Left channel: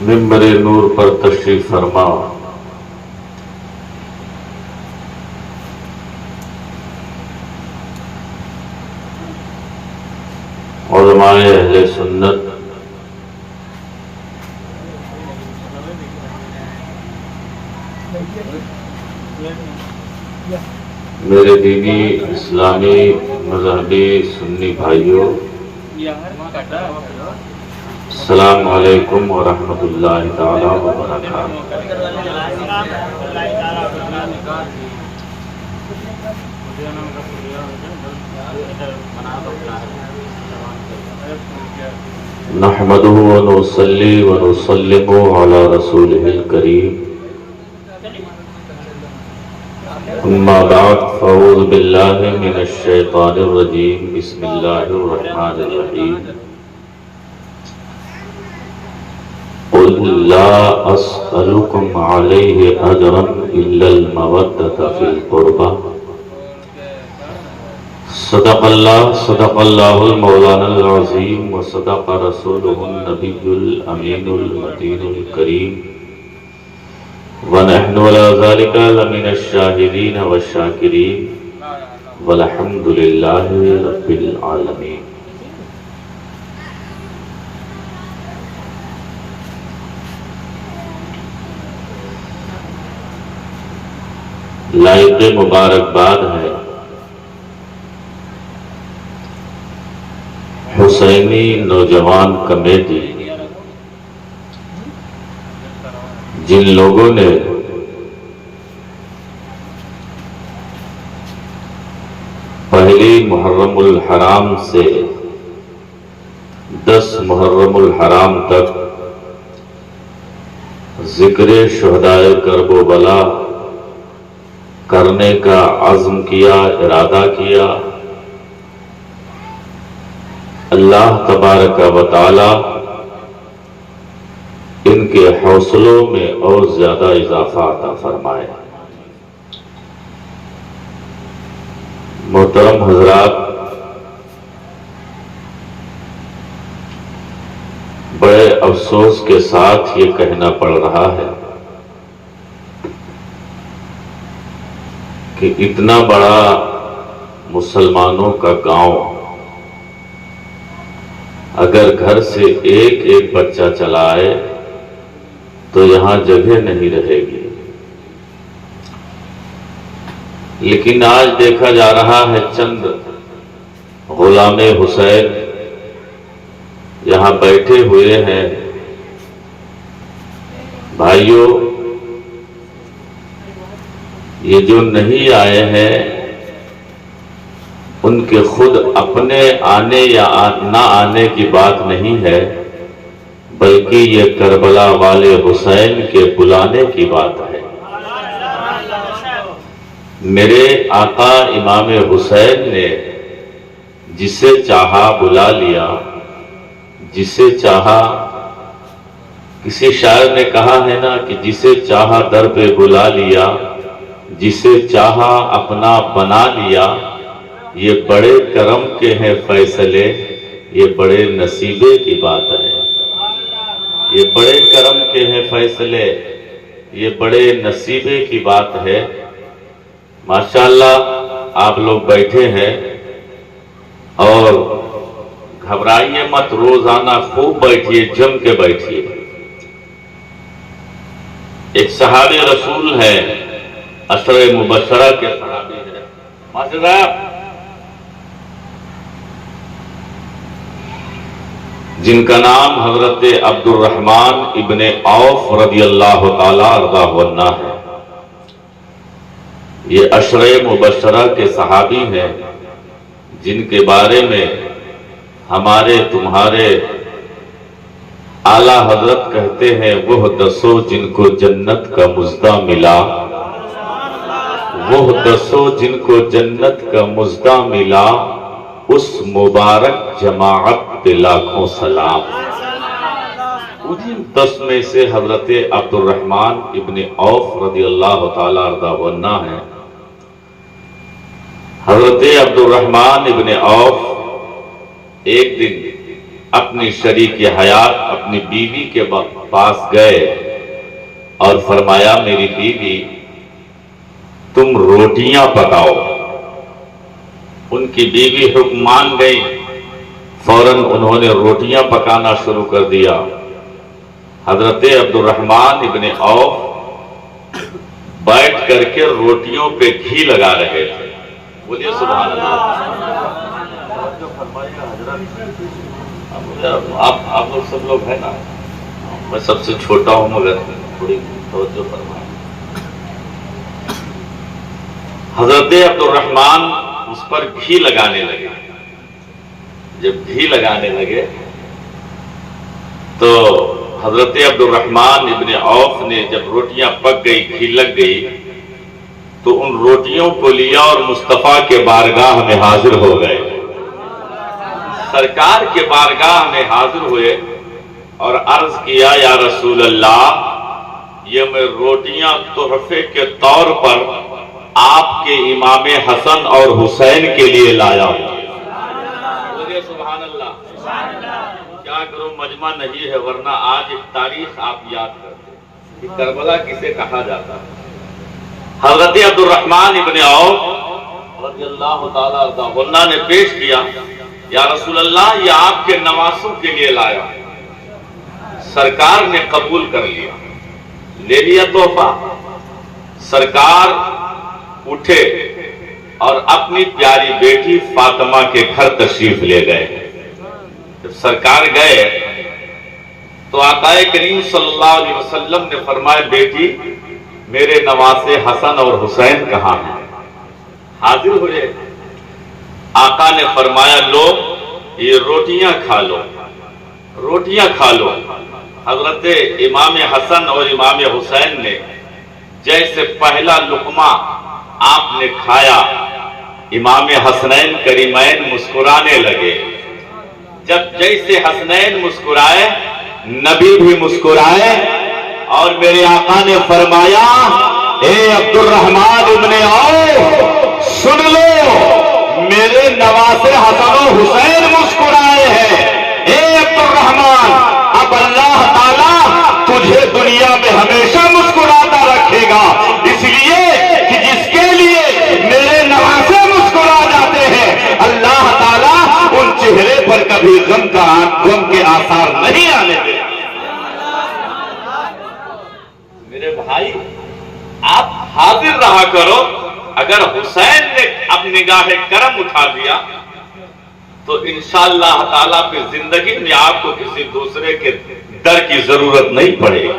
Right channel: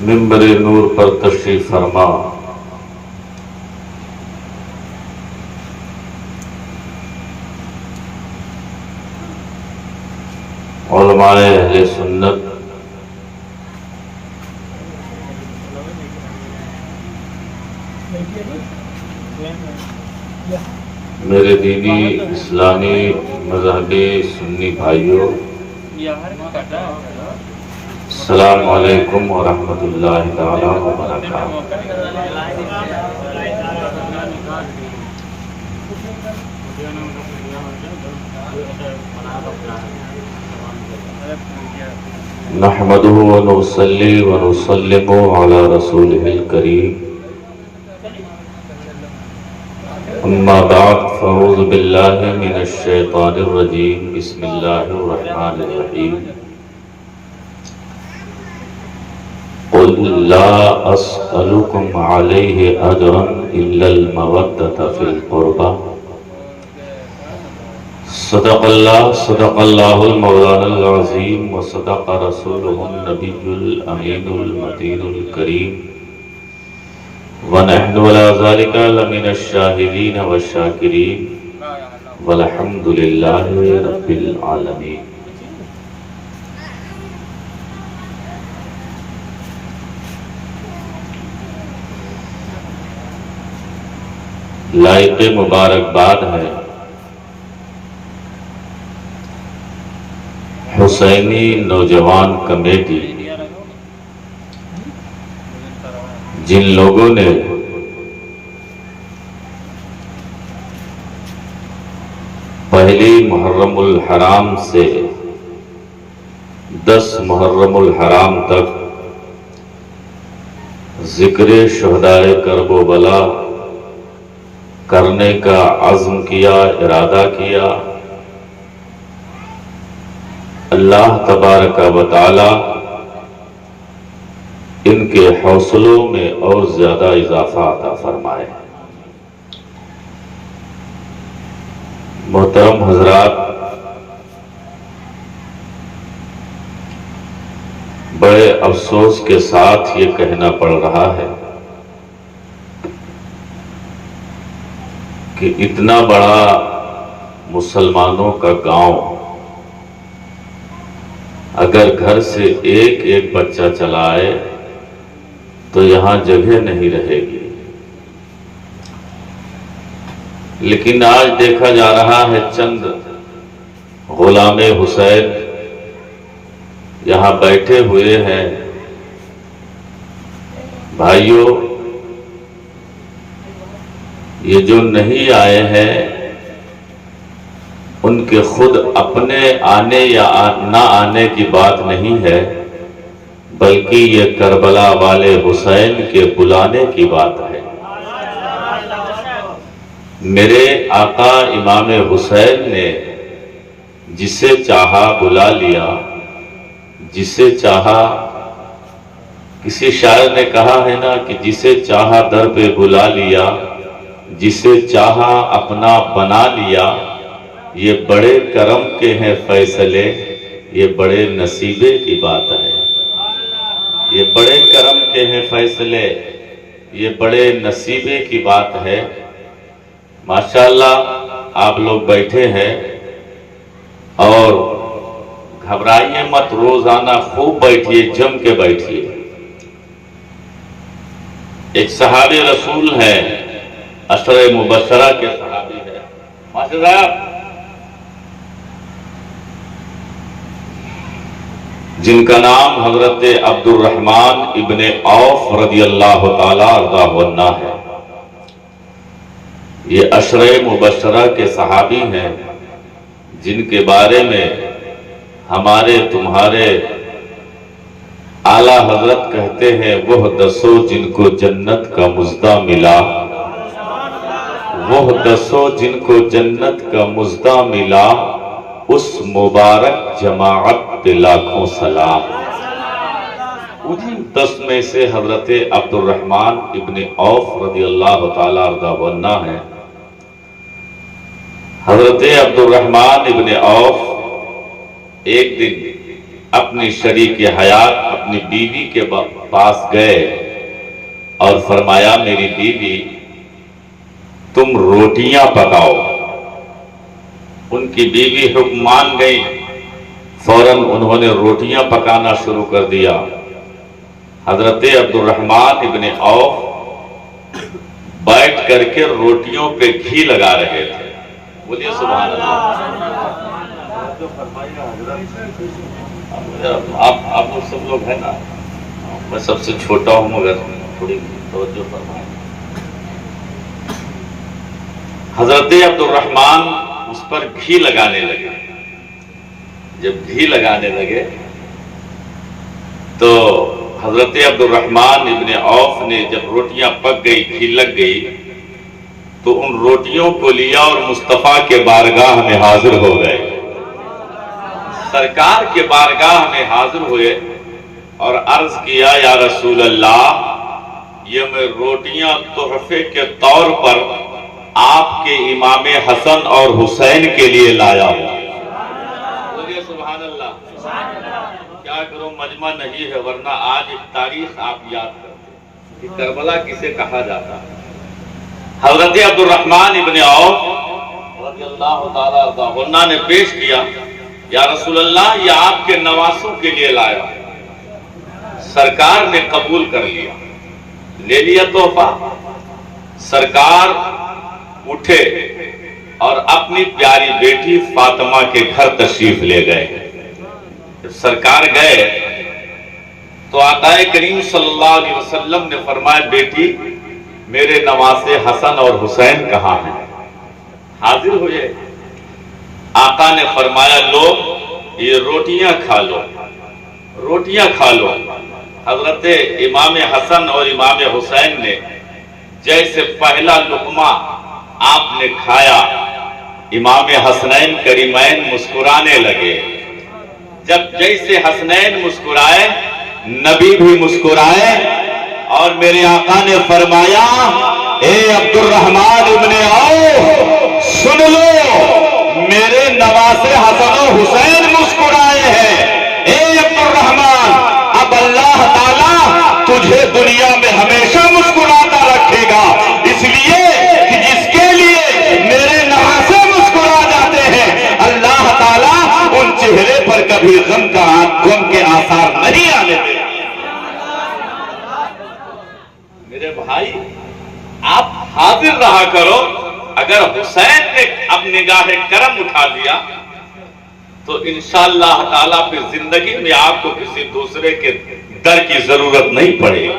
منبر نور پر تشریف فرما علماء اہل سنت میرے دینی اسلامی مذہبی سنی بھائیوں، السلام علیکم ورحمۃ اللہ تعالی وبرکاتہ۔ نحمدہ ونصلی ونسلم علی رسولہ الکریم، اما بعد فاعوذ باللہ من الشیطان الرجیم، بسم اللہ الرحمن الرحیم۔ قل لا اسألکم علیہ اجرا الا المودۃ فی القربى، صدق اللہ المولانا العظیم وصدق رسولہ النبی الامین المتین الکریم، ونحن على ذلك لمن الشاهدين والشاكرين والحمد لله رب العالمين۔ لائق مبارکباد ہے حسینی نوجوان کمیٹی، جن لوگوں نے پہلی محرم الحرام سے 10 محرم الحرام تک ذکر شہدائے کرب و بلا کرنے کا عزم کیا، ارادہ کیا، اللہ تبارک و تعالی ان کے حوصلوں میں اور زیادہ اضافہ عطا فرمائے۔ محترم حضرات، بڑے افسوس کے ساتھ یہ کہنا پڑ رہا ہے کہ اتنا بڑا مسلمانوں کا گاؤں اگر گھر سے ایک ایک بچہ چلا آئے تو یہاں جگہ نہیں رہے گی، لیکن آج دیکھا جا رہا ہے چند غلام حسین یہاں بیٹھے ہوئے ہیں۔ بھائیوں، یہ جو نہیں آئے ہیں ان کے خود اپنے آنے یا نہ آنے کی بات نہیں ہے، بلکہ یہ کربلا والے حسین کے بلانے کی بات ہے۔ میرے آقا امام حسین نے جسے چاہا بلا لیا، جسے چاہا، کسی شاعر نے کہا ہے نا کہ جسے چاہا در پہ بلا لیا، جسے چاہا اپنا بنا لیا۔ یہ بڑے کرم کے ہیں فیصلے، یہ بڑے نصیبے کی بات ہے۔ یہ بڑے کرم کے ہیں فیصلے، یہ بڑے نصیبے کی بات ہے۔ ماشاءاللہ آپ لوگ بیٹھے ہیں اور گھبرائیے مت، روزانہ خوب بیٹھیے، جم کے بیٹھیے۔ ایک صحابی رسول ہے، عشرہ مبشرہ کے صحابی ہے، ماشاءاللہ، جن کا نام حضرت عبد الرحمن ابن عوف رضی اللہ تعالی عنہ ہے۔ یہ عشرہ مبشرہ کے صحابی ہیں جن کے بارے میں ہمارے تمہارے اعلیٰ حضرت کہتے ہیں، وہ دسو جن کو جنت کا مژدہ ملا، وہ دسو جن کو جنت کا مژدہ ملا، اس مبارک جماعت پہ لاکھوں سلام۔ انہی 10 میں سے حضرت عبد الرحمن ابن عوف رضی اللہ تعالی عنہ ہیں۔ حضرت عبد الرحمن ابن عوف ایک دن اپنی شریک حیات اپنی بیوی کے پاس گئے اور فرمایا میری بیوی تم روٹیاں پکاؤ۔ ان کی بیوی حکم مان گئی، فوراً انہوں نے روٹیاں پکانا شروع کر دیا۔ حضرت عبد الرحمن ابن عوف بیٹھ کر کے روٹیوں پہ گھی لگا رہے تھے۔ بولیے سبحان اللہ۔ آپ لوگ سب لوگ ہیں نا، میں سب سے چھوٹا ہوں مگر تھوڑی توجہ فرمائیں۔ حضرت عبد الرحمن اس پر گھی لگانے لگے۔ جب گھی لگانے لگے تو حضرت عبد الرحمن ابن عوف نے جب روٹیاں پک گئی، گھی لگ گئی، تو ان روٹیوں کو لیا اور مصطفیٰ کے بارگاہ میں حاضر ہو گئے۔ سرکار کے بارگاہ میں حاضر ہوئے اور عرض کیا یا رسول اللہ، یہ میں روٹیاں تحفے کے طور پر آپ کے امام حسن اور حسین کے لیے لایا ہوں۔ بولیے سبحان اللہ۔ کیا کرو مجمع نہیں ہے، ورنہ آج ایک تاریخ آپ یاد کرتے کہ کربلا کسے کہا جاتا ہے۔ حضرت عبد الرحمن ابن عوف رضی اللہ تعالی عنہ نے پیش کیا، یا رسول اللہ یہ آپ کے نواسوں کے لیے لایا۔ سرکار نے قبول کر لیا، لے لیا تحفہ۔ سرکار اٹھے اور اپنی پیاری بیٹی فاطمہ کے گھر تشریف لے گئے۔ جب سرکار گئے تو آقا کریم صلی اللہ علیہ وسلم نے فرمایا بیٹی میرے نواسے حسن اور حسین کہاں ہیں؟ حاضر ہوئے۔ آقا نے فرمایا لو یہ روٹیاں کھا لو، روٹیاں کھا لو۔ حضرت امام حسن اور امام حسین نے جیسے پہلا لقمہ آپ نے کھایا، امام حسنین کریمین مسکرانے لگے۔ جب جیسے حسنین مسکرائے نبی بھی مسکرائے، اور میرے آقا نے فرمایا اے عبد الرحمن ابن عوف سن لو، میرے نواسے حسن و حسین مسکرائے ہیں۔ اے عبد الرحمن اب اللہ تعالیٰ تجھے دنیا میں ہمیشہ مسکراتا رکھے گا، اس لیے کہ جس کے لیے میرے نواسے مسکرا جاتے ہیں اللہ تعالیٰ ان چہرے پر کبھی غم کے آثار نہیں آنے دیتے۔ میرے بھائی آپ حاضر رہا کرو، اگر حسین نے اب نگاہ کرم اٹھا دیا تو انشاءاللہ تعالیٰ پھر زندگی میں آپ کو کسی دوسرے کے در کی ضرورت نہیں پڑے گی۔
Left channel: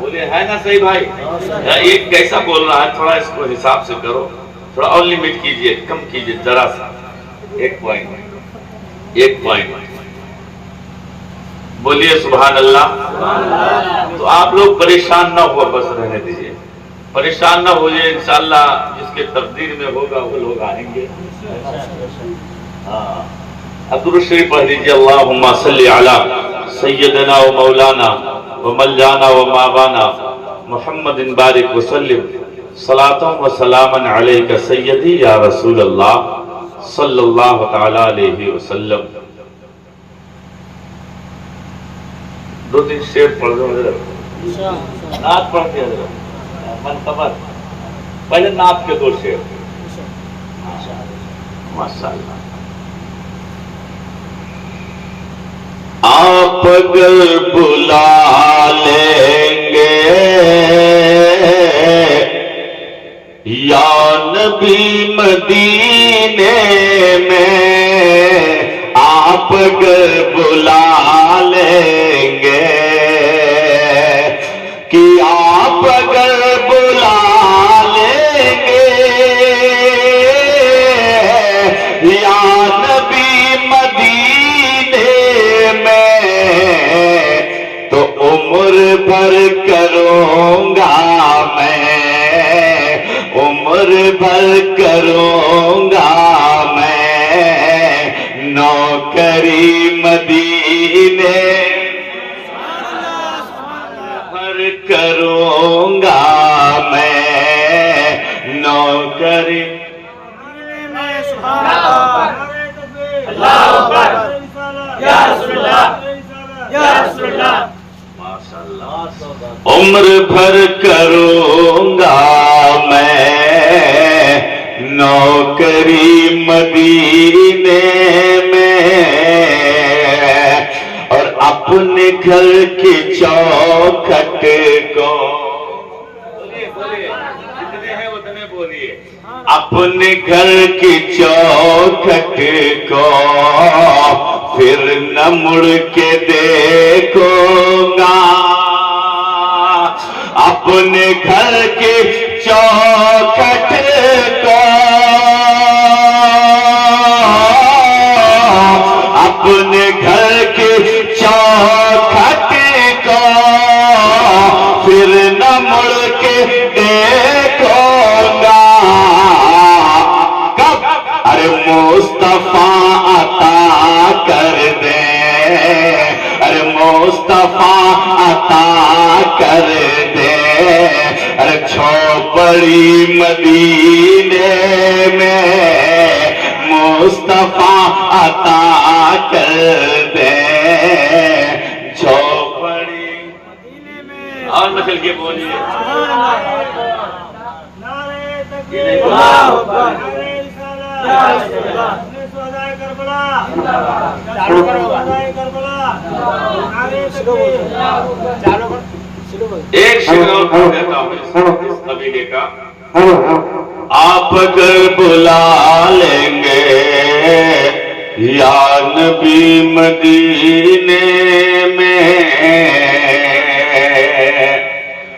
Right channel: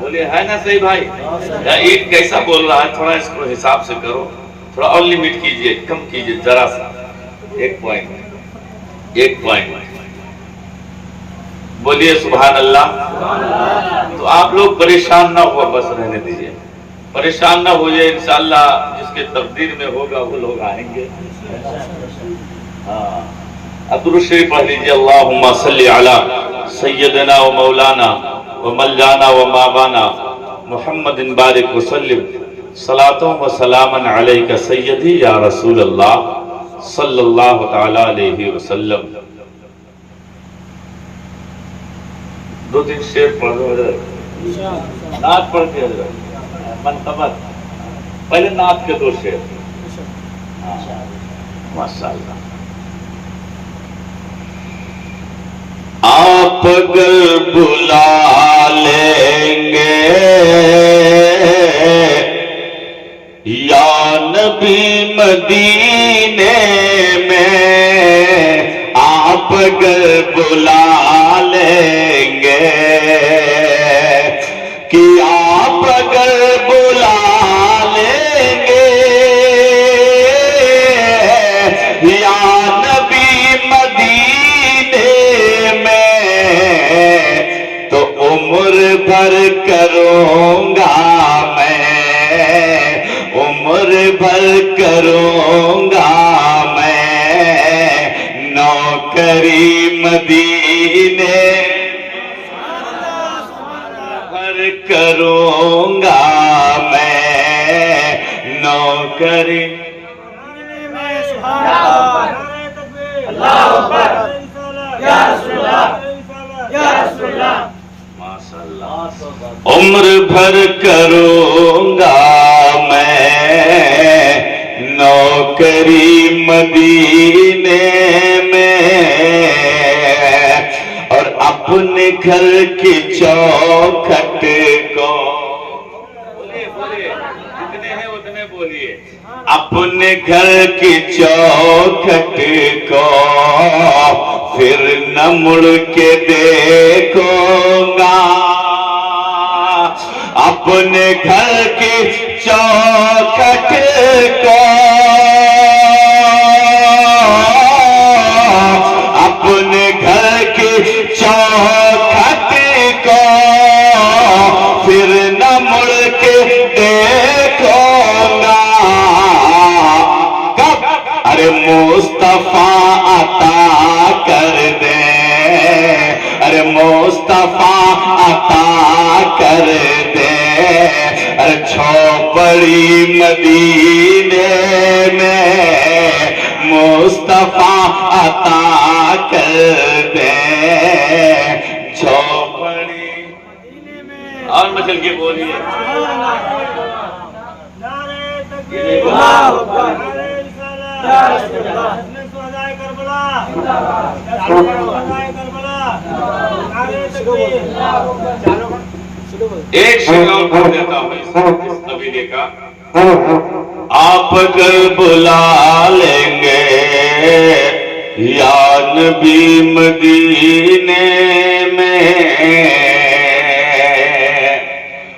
بولے ہے نا صحیح بھائی؟ یا ایک کیسا بول رہا ہے، تھوڑا اس کو حساب سے کرو، تھوڑا اور لمٹ کیجئے، کم کیجئے ذرا سا، ایک پوائنٹ بولیے سبحان اللہ۔ تو آپ لوگ پریشان نہ ہو، بس رہنے دیجئے، پریشان نہ ہوئے، انشاءاللہ جس کے تقدیر میں ہوگا وہ لوگ آئیں گے۔ درود شریف پڑھ لیجیے، اللہم صلی علی سیدنا و مولانا و ملانا و مابانا محمد بارک وسلم صلاۃ و سلاما علیک سیدی یا رسول اللہ صلی اللہ تعالی علیہ وسلم۔ دو تین شعر پڑھ دو حضرت، نعت پڑھتے حضرت، منقبت پہلے نعت کے دو شعر۔ ماشاءاللہ۔ آپ اگر بلا لیں گے یا نبی مدینے میں، آپ اگر بلا لیں گے کہ آپ اگر بلا لیں گے یا نبی مدینے میں، تو عمر بھر کروں گا میں، عمر بھر کروں گا میں نوکری مدینے بھر کروں گا میں نوکری۔ اللہ اکبر۔ عمر بھر کروں گا میں نوکری مدینے میں، اور اپنے گھر کی چوکھٹ کو، جتنے ہیں اتنے بولیے، اپنے گھر کی چوکھٹ کو پھر نہ مڑ کے دیکھوں گا، اپنے گھر کی چوکھٹ کو، اپنے گھر کی چوکھٹ کو پھر نہ مڑ کے دیکھوں گا، کب؟ ارے مصطفیٰ عطا کر دے، ارے مصطفیٰ عطا کر دے، ارے جھوپڑی مدینے میں مصطفیٰ عطا کر دے، جھوپڑی اور نکل کے بولیے، ایک شعر اور پڑھ دیتا ہوں اس قبیلے کا۔ آپ اگر بلا لیں گے یا نبی مدینے میں،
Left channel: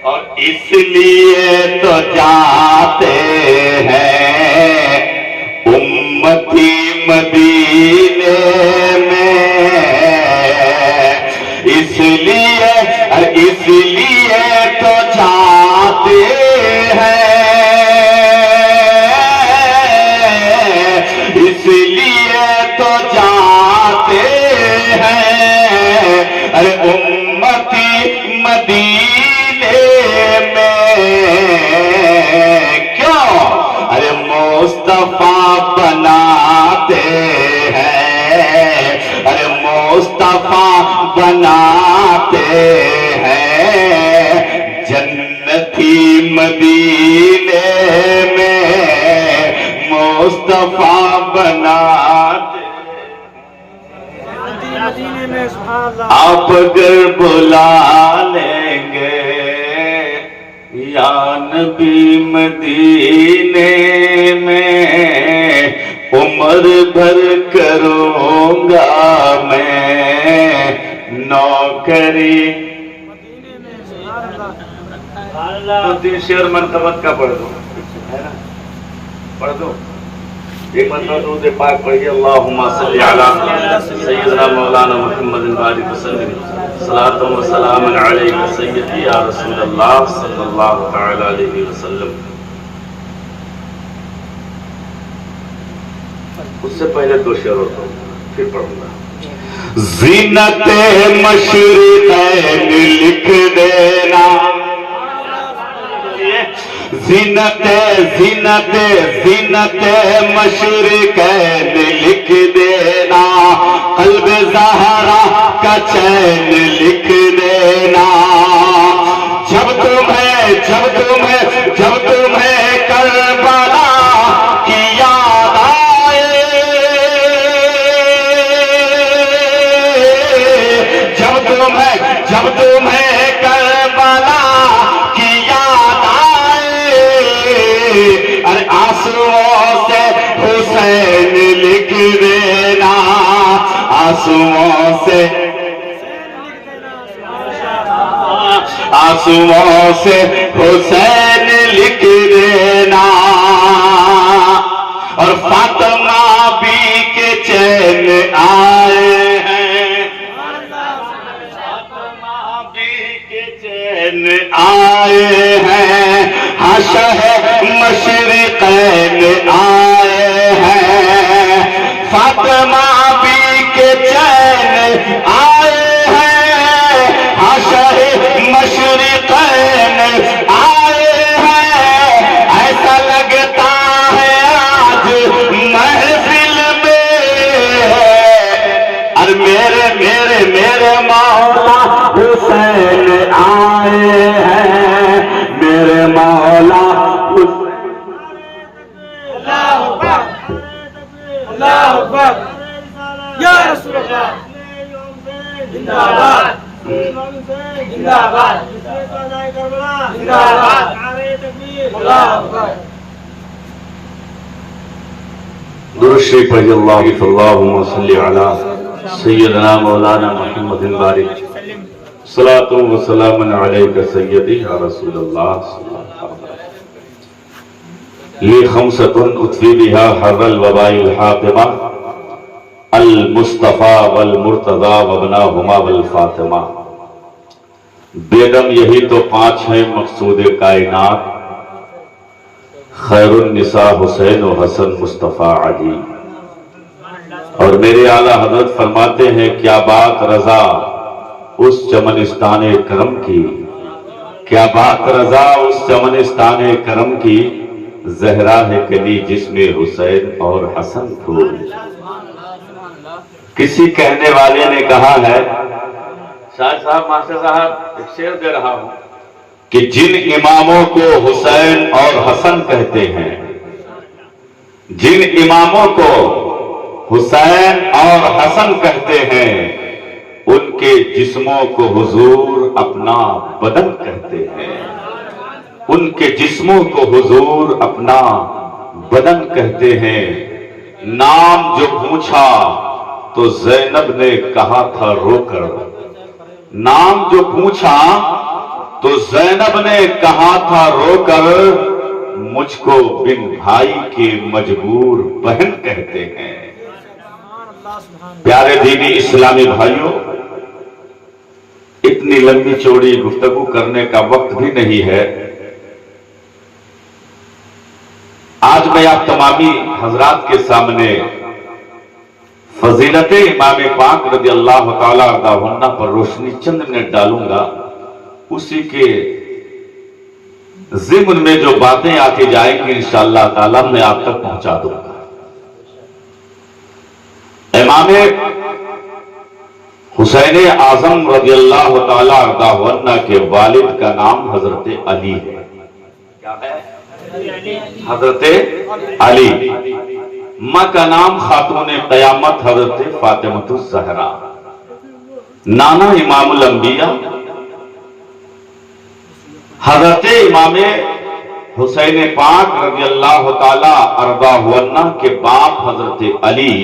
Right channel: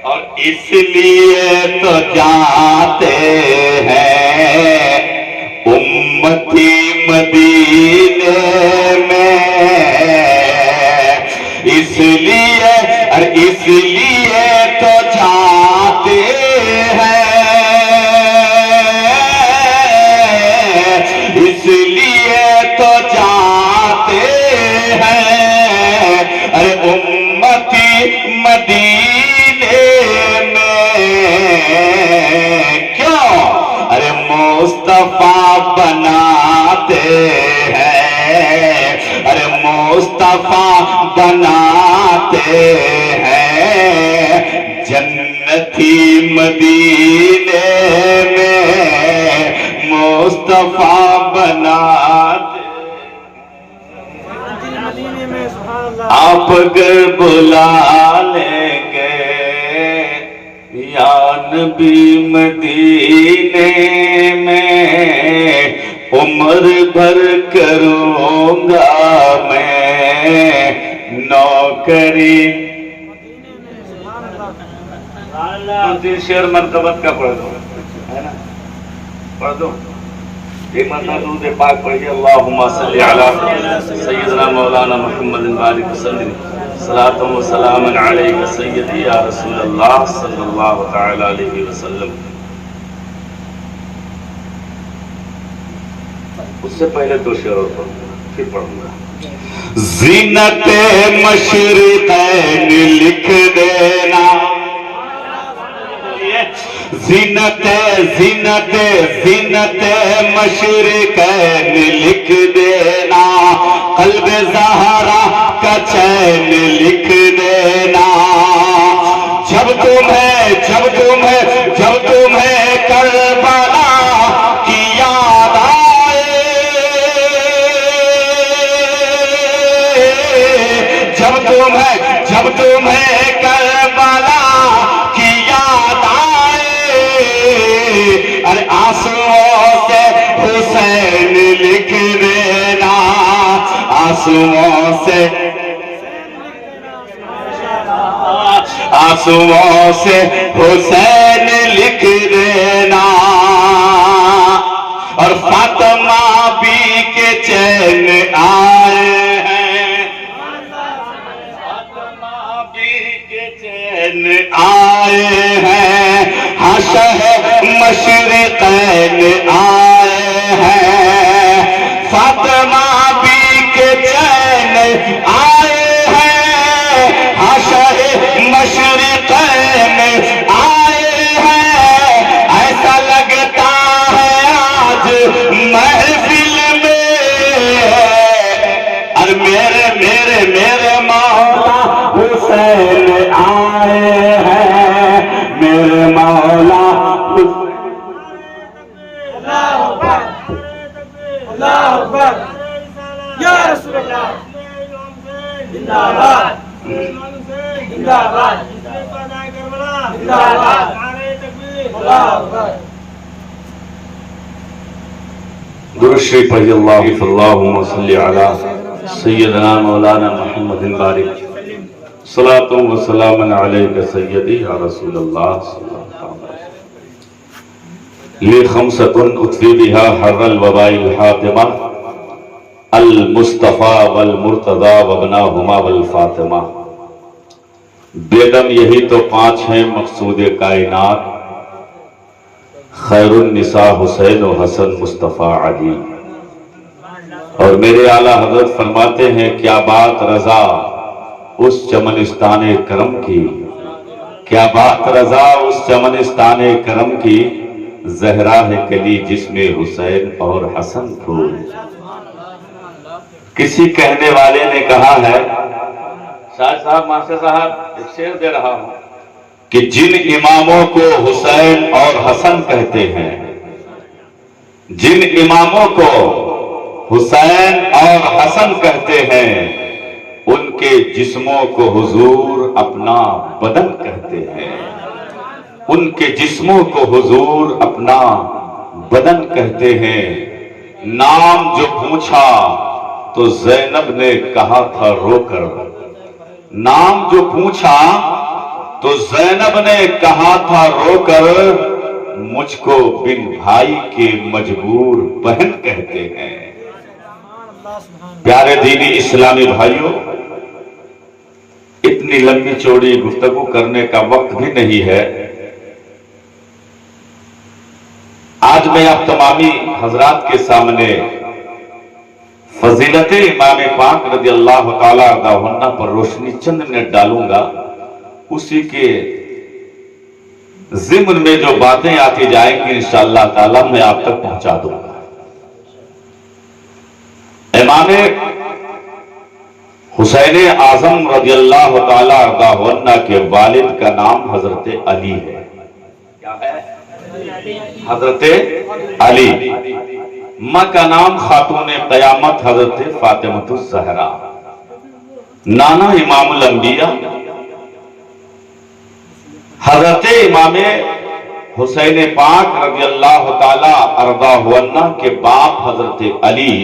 اور اس لیے تو جاتے ہیں امتی مدینے میں، اس لیے تو جاتے ہیں، اس لیے تو جاتے ہیں، ارے امتی مدینے میں، کیوں؟ ارے مصطفیٰ بناتے ہیں، ارے مصطفیٰ بناتے ہیں، جنتی مدینے میں مصطفیٰ بناتے، آپ اگر بلا لیں گے یا نبی مدینے میں، عمر بھر کروں گا میں نوکری۔ تین شعر مرتبت کا پڑھ دو، ہے نا؟ پڑھ دو ایک مرتبہ درود پاک پڑھیے، اللہم صلی علی سیدنا مولانا محمد بارک وسلم، صلاۃ و سلام علیک سیدی یا رسول اللہ صلی اللہ تعالی علیہ وسلم۔ اس سے پہلے دو شعر ہوتا ہوں پھر پڑھوں گا۔ زینت مشرقین لکھ دینا، زینت زینت زینت مشرقین لکھ دینا، قلب زہرا کا چین لکھ دینا، جب تمہیں کربلا کی یاد آئے، جب تمہیں کربلا کی یاد آئے، ارے آنسوؤں سے حسین لکھ دینا، آنسوؤں سے حسین لکھ دینا، اور فاطمہ بھی کے چین آئے ہیں، فاطمہ بھی کے چین آئے ہیں، شہ مشرقین آئے ہیں، فاطمہ بھی کے چین آئے ہیں، شہ مشرقین آئے ہیں، ایسا لگتا ہے آج محفل میں، اور میرے مولا حسین آئے اللہ اکبر یا رسول اللہ زندہ باد زندہ باد زندہ باد اللہ اکبر درود شریف پڑھیے اللہم صلی علی سیدنا مولانا محمد بارک صلاۃ و سلام علیک سیدی یا رسول اللہ صلی اللہ علیہ وسلم یہ خمسۃ اطفی بہا حر الوباء الحاطمہ المصطفیٰ والمرتضیٰ وابناہما والفاطمہ بیگم یہی تو 5 ہیں مقصود کائنات خیر النساء حسین و حسن مصطفیٰ علی اور میرے اعلیٰ حضرت فرماتے ہیں کیا بات رضا اس چمنستان کرم کی کیا بات رضا اس چمنستان کرم کی زہرا ہے کلی جس میں حسین اور حسن پھول کسی کہنے والے نے کہا ہے شاہ صاحب ماسٹر صاحب ایک شعر دے رہا ہوں کہ جن اماموں کو حسین اور حسن کہتے ہیں جن اماموں کو حسین اور حسن کہتے ہیں ان کے جسموں کو حضور اپنا بدن کہتے ہیں ان کے جسموں کو حضور اپنا بدن کہتے ہیں نام جو پوچھا تو زینب نے کہا تھا رو کر نام جو پوچھا تو زینب نے کہا تھا رو کر مجھ کو بن بھائی کے مجبور بہن کہتے ہیں پیارے دینی اسلامی بھائیوں اتنی لمبی چوڑی گفتگو کرنے کا وقت بھی نہیں ہے آج میں آپ تمامی حضرات کے سامنے فضیلت امام پاک رضی اللہ تعالی عنہ پر روشنی چند منٹ ڈالوں گا اسی کے ضمن میں جو باتیں آتی جائیں گی انشاءاللہ تعالی میں آپ تک پہنچا دوں گا امام حسین اعظم رضی اللہ تعالی عنہ کے والد کا نام حضرت علی ہے کیا ہے حضرت علی ماں کا نام خاتون قیامت حضرت فاطمہ الزہرا نانا امام الانبیاء حضرت امام حسین پاک رضی اللہ تعالی عنہ کے باپ حضرت علی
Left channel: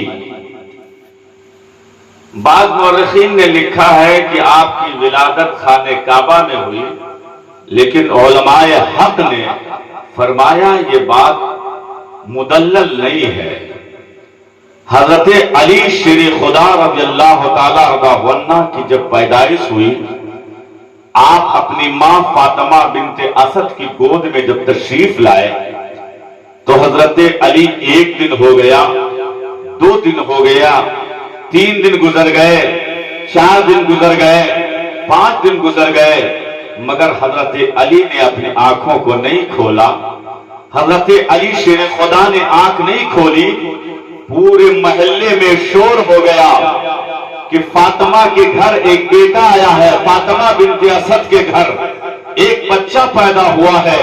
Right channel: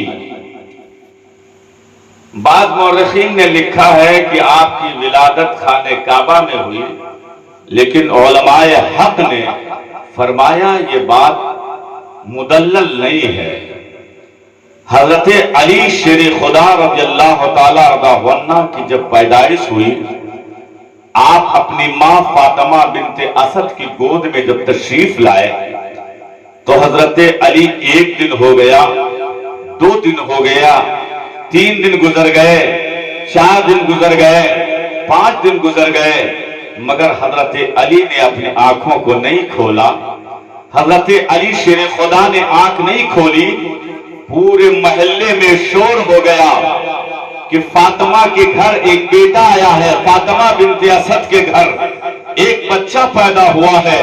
بعض مورخین نے لکھا ہے کہ آپ کی ولادت خانہ کعبہ میں ہوئی لیکن علماء حق نے فرمایا یہ بات مدلل نہیں ہے حضرت علی شیر خدا رضی اللہ تعالی عنہ کی جب پیدائش ہوئی آپ اپنی ماں فاطمہ بنت اسد کی گود میں جب تشریف لائے تو حضرت علی 1 دن ہو گیا 2 دن ہو گیا 3 دن گزر گئے 4 دن گزر گئے 5 دن گزر گئے مگر حضرت علی نے اپنی آنکھوں کو نہیں کھولا حضرت علی شیر خدا نے آنکھ نہیں کھولی پورے محلے میں شور ہو گیا کہ فاطمہ کے گھر ایک بیٹا آیا ہے فاطمہ بنت اسد کے گھر ایک بچہ پیدا ہوا ہے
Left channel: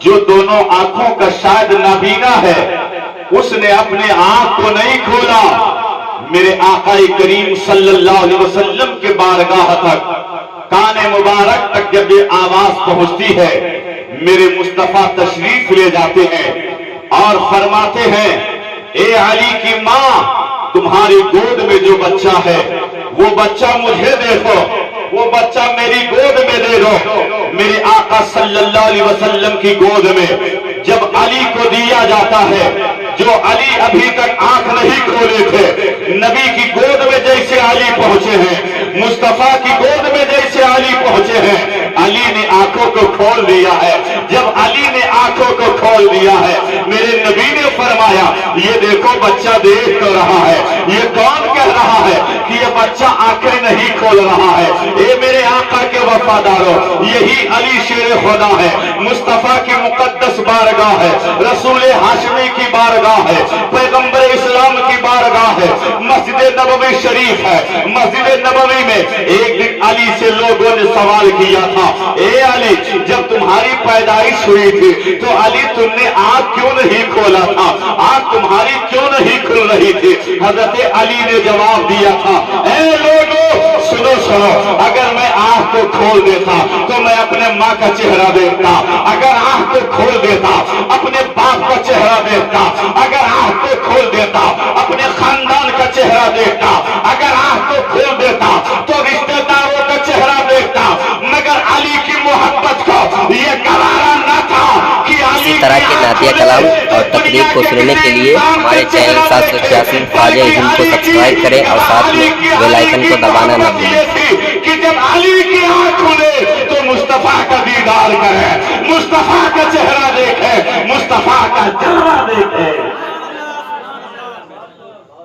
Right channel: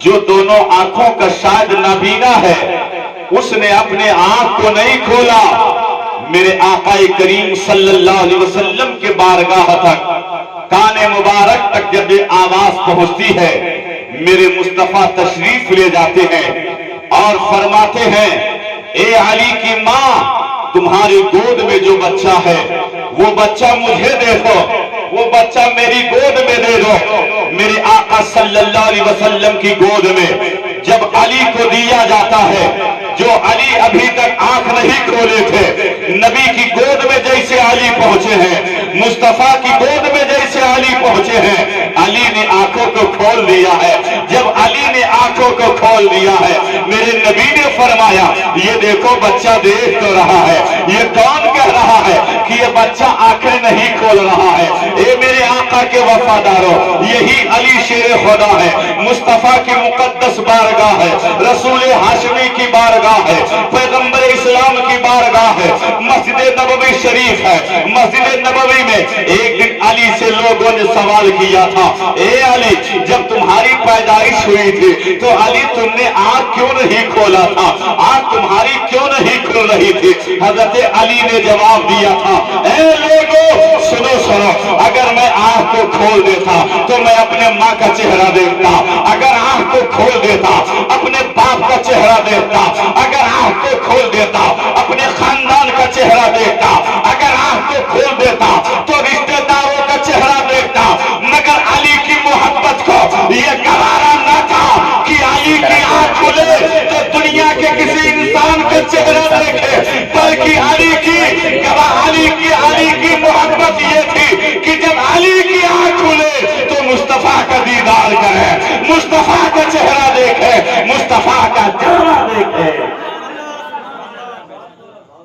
جو دونوں آنکھوں کا شاید نابینا ہے اس نے اپنے آنکھ کو نہیں کھولا میرے آقا کریم صلی اللہ علیہ وسلم کے بارگاہ تک کان مبارک تک جب یہ آواز پہنچتی ہے میرے مصطفیٰ تشریف لے جاتے ہیں اور فرماتے ہیں اے علی کی ماں تمہاری گود میں جو بچہ ہے وہ بچہ مجھے دے دو وہ بچہ میری گود میں دے دو میرے آقا صلی اللہ علیہ وسلم کی گود میں جب علی کو دیا جاتا ہے جو علی ابھی تک آنکھ نہیں کھولے تھے نبی کی گود میں جیسے علی پہنچے ہیں مصطفیٰ کی گود میں جیسے علی پہنچے ہیں علی نے آنکھوں کو کھول دیا ہے جب علی نے آنکھوں کو کھول دیا ہے میرے نبی نے فرمایا یہ دیکھو بچہ دیکھ تو رہا ہے یہ کون کہہ رہا ہے کہ یہ بچہ آنکھیں نہیں کھول رہا ہے اے میرے آقا کے وفاداروں یہی علی شیر خدا ہے مصطفیٰ کی مقدس بارگاہ ہے رسول ہاشمی کی بارگاہ ہے پیغمبر اسلام کی بارگاہ اللہ ہے، مسجد نبوی شریف ہے، مسجد نبوی میں ایک دن علی سے لوگوں نے سوال کیا تھا، اے علی جب تمہاری پیدائش ہوئی تھی تو علی تم نے آنکھ کیوں نہیں کھولا تھا، آنکھ تمہاری کیوں نہیں کھل رہی تھی؟ حضرت علی نے جواب دیا تھا، اے لوگوں سنو سنو، اگر میں آنکھ کو کھول دیتا تو میں اپنے ماں کا چہرہ دیکھتا، اگر آنکھ کو کھول دیتا اپنے باپ کا چہرہ دیکھتا، اگر آنکھ کو کھول دیتا اپنے خاندان کا چہرہ دیکھتا، اگر آنکھ کو کھول دیتا تو رشتہ داروں کا چہرہ دیکھتا، مگر علی کی محبت کو یہ گوارا نہ تھا کہ علی اس طرح کے نعتیہ کلام اور تقریر کو سننے کے لیے ہمارے چینل 781 خواجہ ہند کو سبسکرائب کریں اور ساتھ میں بیل آئیکن کو دبانا نہ بھولیں۔ کہ جب علی کی آنکھ کھلے تو مصطفیٰ کا دیدار کرے، مصطفیٰ کا چہرہ دیکھے، مصطفیٰ کا چہرہ دیکھے۔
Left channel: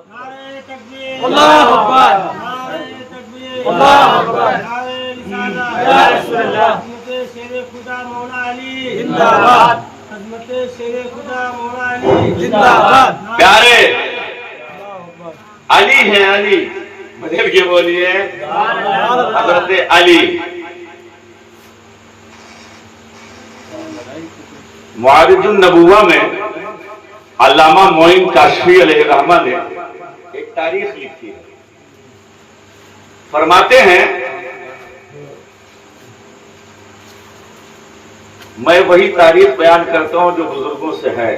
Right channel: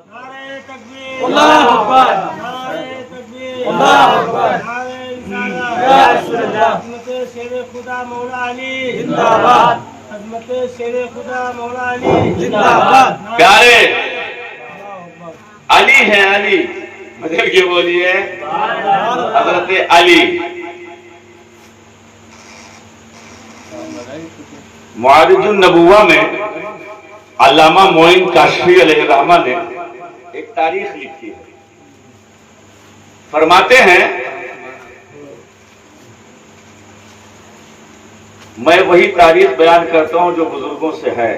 نعرہ تکبیر، اللہ اکبر، نعرہ تکبیر، اللہ اکبر، نعرہ رسالہ، یا رسول اللہ، عظمت شیر خدا مولا علی زندہ باد، عظمت شیر خدا مولا علی زندہ باد۔ پیارے اللہ اکبر۔ علی ہیں، علی بدل کے بولیے حضرت علی۔ معارج النبوہ میں علامہ معین کاشفی علیہ الرحمہ نے ایک تاریخ لکھی ہے، فرماتے ہیں میں وہی تاریخ بیان کرتا ہوں جو بزرگوں سے ہے،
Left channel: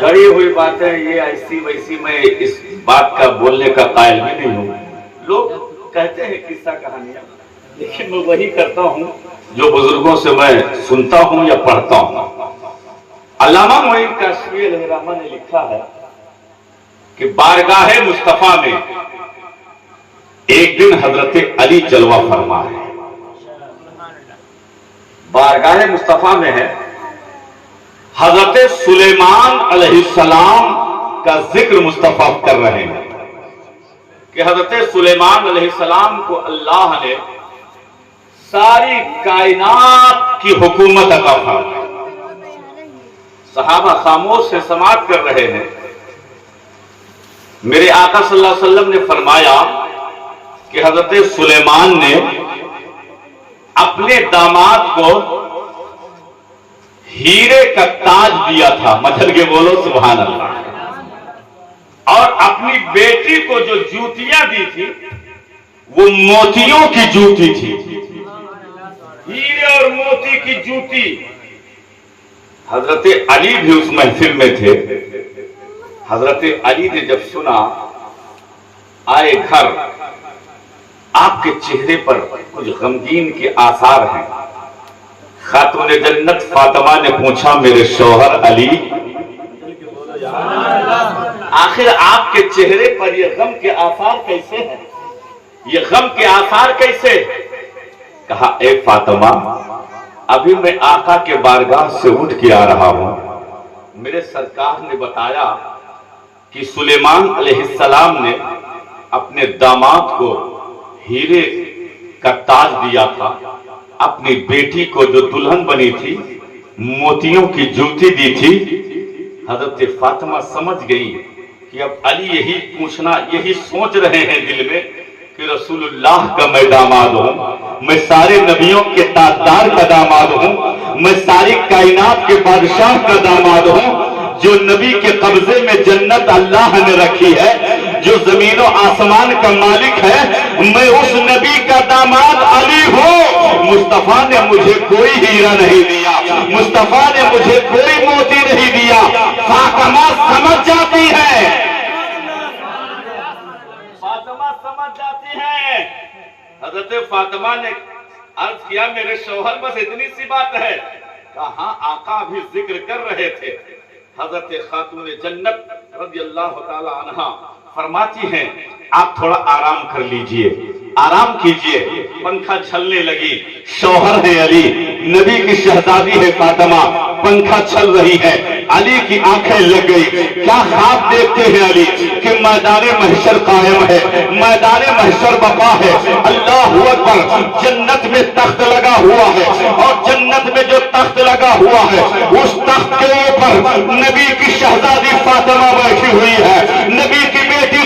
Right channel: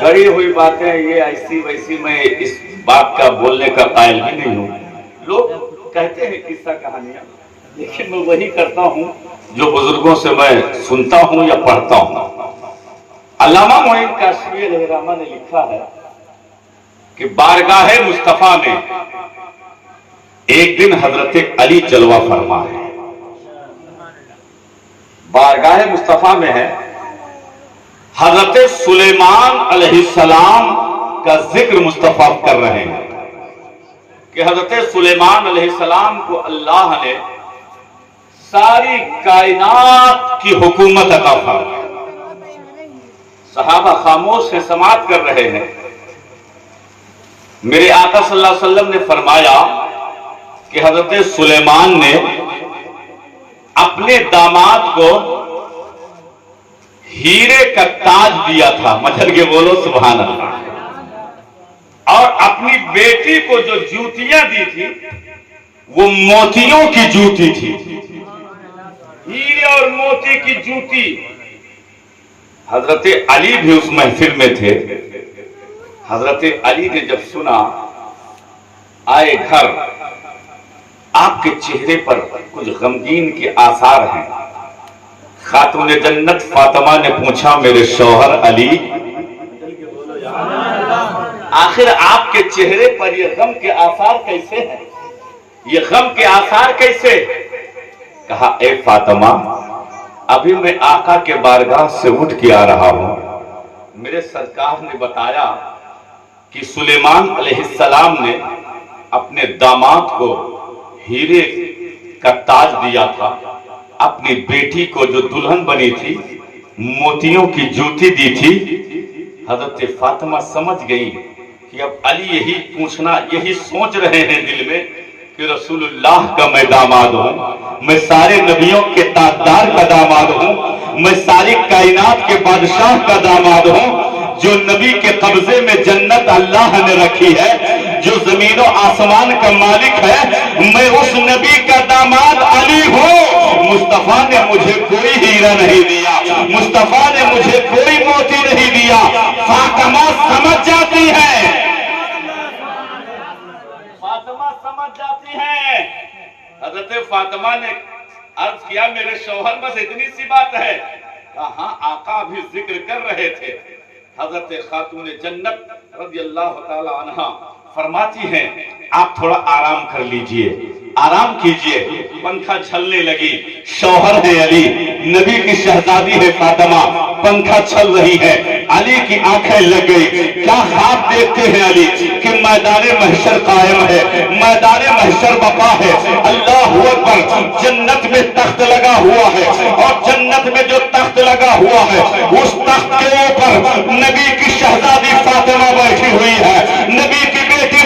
گڑی ہوئی باتیں یہ ایسی ویسی میں اس بات کا بولنے کا قائل بھی نہیں ہوں۔ لوگ کہتے ہیں قصہ کہانیاں، لیکن میں وہی کرتا ہوں جو بزرگوں سے میں سنتا ہوں یا پڑھتا ہوں۔ علامہ معین کاشفی علیہ الرحمہ نے لکھا ہے کہ بارگاہ مصطفیٰ میں ایک دن حضرت علی جلوہ فرما ہے، بارگاہ مصطفیٰ میں ہے، حضرت سلیمان علیہ السلام کا ذکر مصطفیٰ کر رہے ہیں کہ حضرت سلیمان علیہ السلام کو اللہ نے ساری کائنات کی حکومت عطا فرمائی۔ صحابہ خاموش سے سماعت کر رہے ہیں۔ میرے آقا صلی اللہ علیہ وسلم نے فرمایا کہ حضرت سلیمان نے اپنے داماد کو ہیرے کا تاج دیا تھا، مچل کے بولو سبحان اللہ، اور اپنی بیٹی کو جو جوتیاں دی تھی وہ موتیوں کی جوتی تھی، ہیرے اور موتی کی جوتی۔ حضرت علی بھی اس محفل میں تھے۔ حضرت علی نے جب سنا، آئے گھر، آپ کے چہرے پر کچھ غمگین کے آثار ہیں۔ خاتون جنت فاطمہ نے پوچھا، میرے شوہر علی، آخر آپ کے چہرے پر یہ غم کے آثار کیسے ہیں، یہ غم کے آثار کیسے؟ کہا، اے فاطمہ، ابھی میں آقا کے بارگاہ سے اٹھ کے آ رہا ہوں، میرے سرکار نے بتایا کہ سلیمان علیہ السلام نے اپنے داماد کو ہیرے کا تاج دیا تھا، اپنی بیٹی کو جو دلہن بنی تھی موتیوں کی جوتی دی تھی۔ حضرت فاطمہ سمجھ گئی کہ اب علی یہی پوچھنا، یہی سوچ رہے ہیں دل میں کہ رسول اللہ کا میں داماد ہوں، میں سارے نبیوں کے تاجدار کا داماد ہوں، میں ساری کائنات کے بادشاہ کا داماد ہوں، جو نبی کے قبضے میں جنت اللہ نے رکھی ہے، جو زمین و آسمان کا مالک ہے، میں اس نبی کا داماد علی ہوں۔ مصطفیٰ نے مجھے کوئی ہیرا نہیں دیا، مصطفیٰ نے مجھے کوئی موتی نہیں دیا۔ فاطمہ سمجھ جاتی ہے، فاطمہ سمجھ جاتی ہے۔ حضرت فاطمہ نے عرض کیا، میرے شوہر بس اتنی سی بات ہے؟ کہاں آقا بھی ذکر کر رہے تھے۔ حضرت خاتون جنت رضی اللہ تعالی عنہ فرماتی ہیں، آپ تھوڑا آرام کر لیجئے، آرام کیجئے۔ پنکھا چھلنے لگی، شوہر ہے علی، نبی کی شہزادی ہے فاطمہ، پنکھا چھل رہی ہے، علی کی آنکھیں لگ گئی۔ کیا خواب دیکھتے ہیں علی کہ میدان محشر قائم ہے، میدان محشر بقا ہے، اللہ اکبر، جنت میں تخت لگا ہوا ہے، اور جنت میں جو تخت لگا ہوا ہے اس تخت کے اوپر نبی کی شہزادی فاطمہ بیٹھی ہوئی ہے، نبی کی بیٹی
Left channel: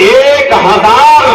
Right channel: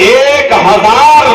1000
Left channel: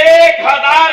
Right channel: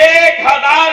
1000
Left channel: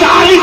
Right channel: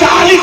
40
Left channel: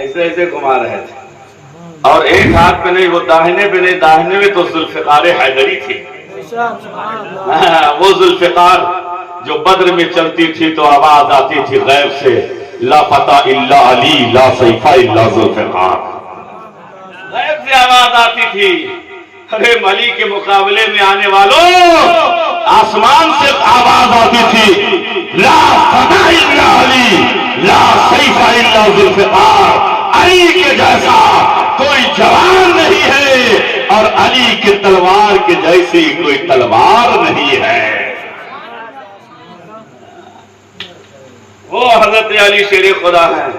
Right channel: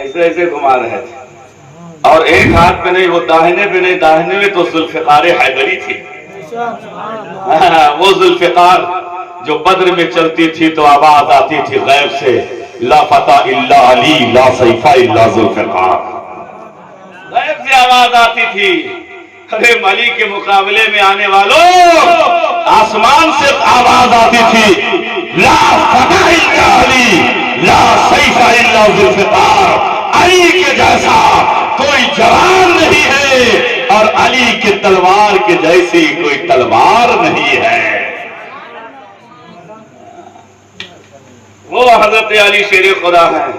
ایسے ایسے گھما رہے تھے، اور ایک ہاتھ پہ نہیں، وہ داہنے پہ نہیں، داہنے میں تو ذوالفقار حیدری تھی۔ وہ ذوالفقار جو بدر میں چلتی تھی تو آواز آتی تھی غیب سے، لا فتح الا علی لا سیف الا ذوالفقار، غیب سے آواز آتی تھی۔ ارے علی کے مقابلے میں آنے والوں، آسمان سے آواز آتی تھی، لا فتح الا علی لا سیف الا ذوالفقار، علی کے جیسا کوئی جوان نہیں ہے اور علی کی تلوار کے جیسی کوئی تلوار نہیں ہے۔ وہ حضرت علی شیر خدا ہے۔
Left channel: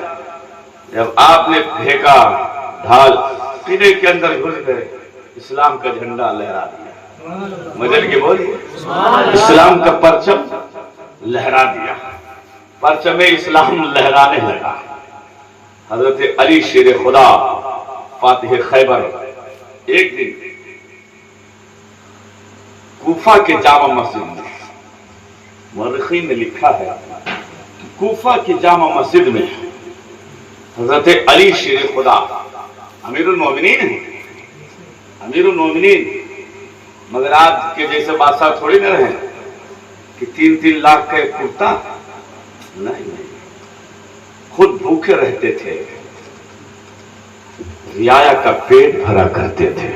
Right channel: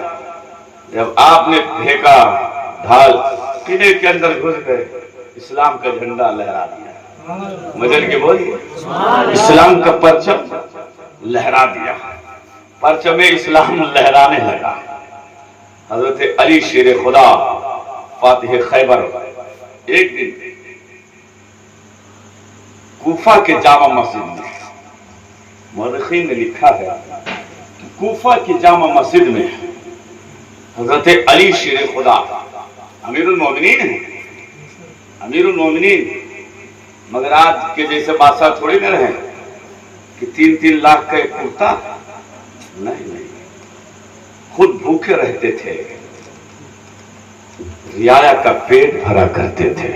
جب آپ نے پھینکا ڈھال، قلعے کے اندر گھس گئے، اسلام کا جھنڈا لہرا دیا، مدر کے بولیے، اسلام کا پرچم لہرا دیا، پرچم اسلام لہرانے لگا۔ حضرت علی شیر خدا فاتح خیبر ایک دن کوفہ کے جامع مسجد میں، مورخین نے لکھا ہے کہ کوفہ کی جامع مسجد میں حضرت علی شیر خدا امیر المومنین ہیں، امیر المومنین، مگر آج کے جیسے بادشاہ تھوڑی نہ رہے کہ 3-3 لاکھ کا ایک کرتا، نہیں، خود بھوکے رہتے تھے، رعایا کا پیٹ بھرا کرتے تھے،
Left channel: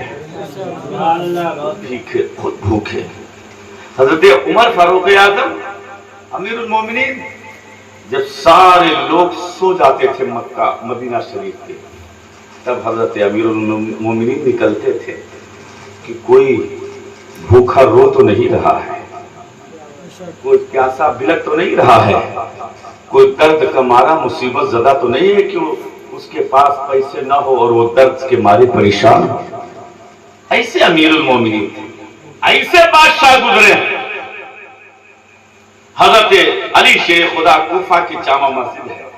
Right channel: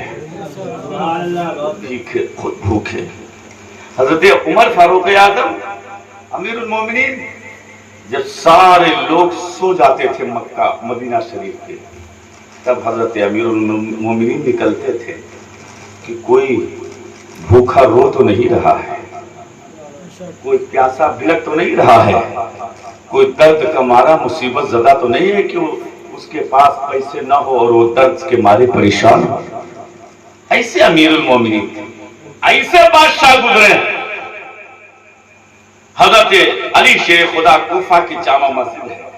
خود بھوکے۔ حضرت عمر فاروق اعظم امیر المومنین، جب سارے لوگ سو جاتے تھے مکہ مدینہ شریف کے، تب حضرت امیر المومنین نکلتے تھے کہ کوئی بھوکا رو تو نہیں رہا ہے، کوئی پیاسا بلک تو نہیں رہا ہے، کوئی درد کا مارا مصیبت زدہ تو نہیں ہے کہ اس کے پاس پیسے نہ ہو اور وہ درد کے مارے پریشان ہو۔ ایسے امیر المومنین تھے، ایسے بادشاہ گزرے۔ حضرت علی شیر خدا کوفہ کی جامع مسجد ہے،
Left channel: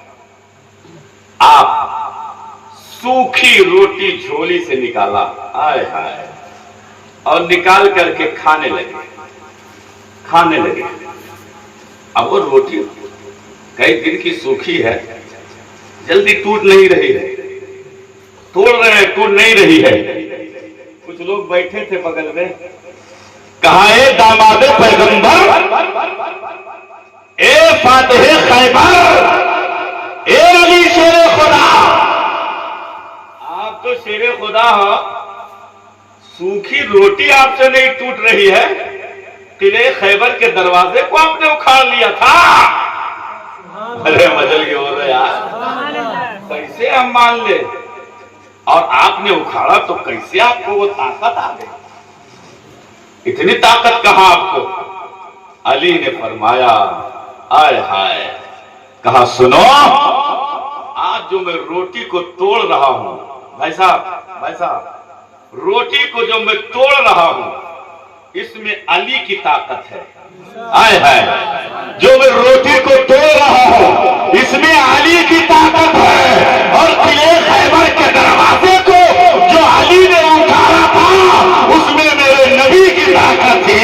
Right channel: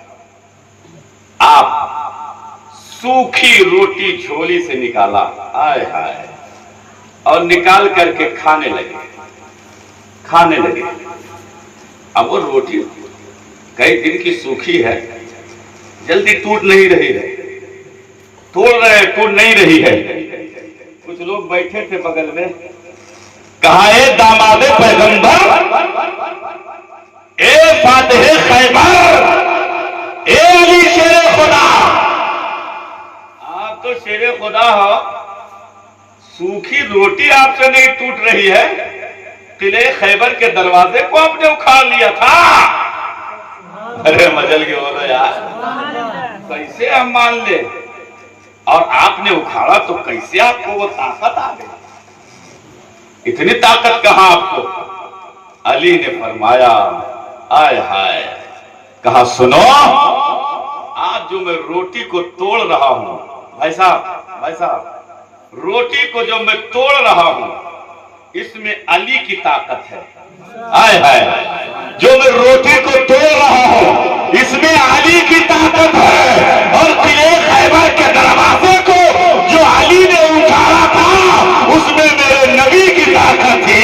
آپ سوکھی روٹی جھولی سے نکالا، آئے ہائے، اور نکال کر کے کھانے لگے۔ اب وہ روٹی کئی دن کی سوکھی ہے، جلدی ٹوٹ نہیں رہی ہے، ٹوٹ نہیں رہی ہے۔ کچھ لوگ بیٹھے تھے بغل میں، کہا اے داماد پیغمبر، اے فاتح خیبر، اے علی شیر خدا، آپ تو شیر خدا ہو، سوکھی روٹی آپ سے نہیں ٹوٹ رہی ہے، قلعے خیبر کے دروازے کو آپ نے اکھاڑ لیا تھا۔ ارے مجل کے ہو رہے یار، کیسے ہم مان لے، اور آپ نے اکھاڑا تو کیسے آپ کو وہ طاقت آ گئی، اتنی طاقت کہاں آپ کو؟ علی نے فرمایا، آئے ہائے، کہا سنو، آج جو میں روٹی کو توڑ رہا ہوں، بھائی صاحب، روٹی کو جو میں توڑ رہا ہوں، اس میں علی کی طاقت ہے۔ آئے ہائے، جو میں روٹی کو توڑ رہا ہوں، اس میں علی کی طاقت ہے، اور قلعے خیبر کے دروازے کو جو علی نے اٹھایا تھا، اس میں میرے نبی کی طاقت تھی،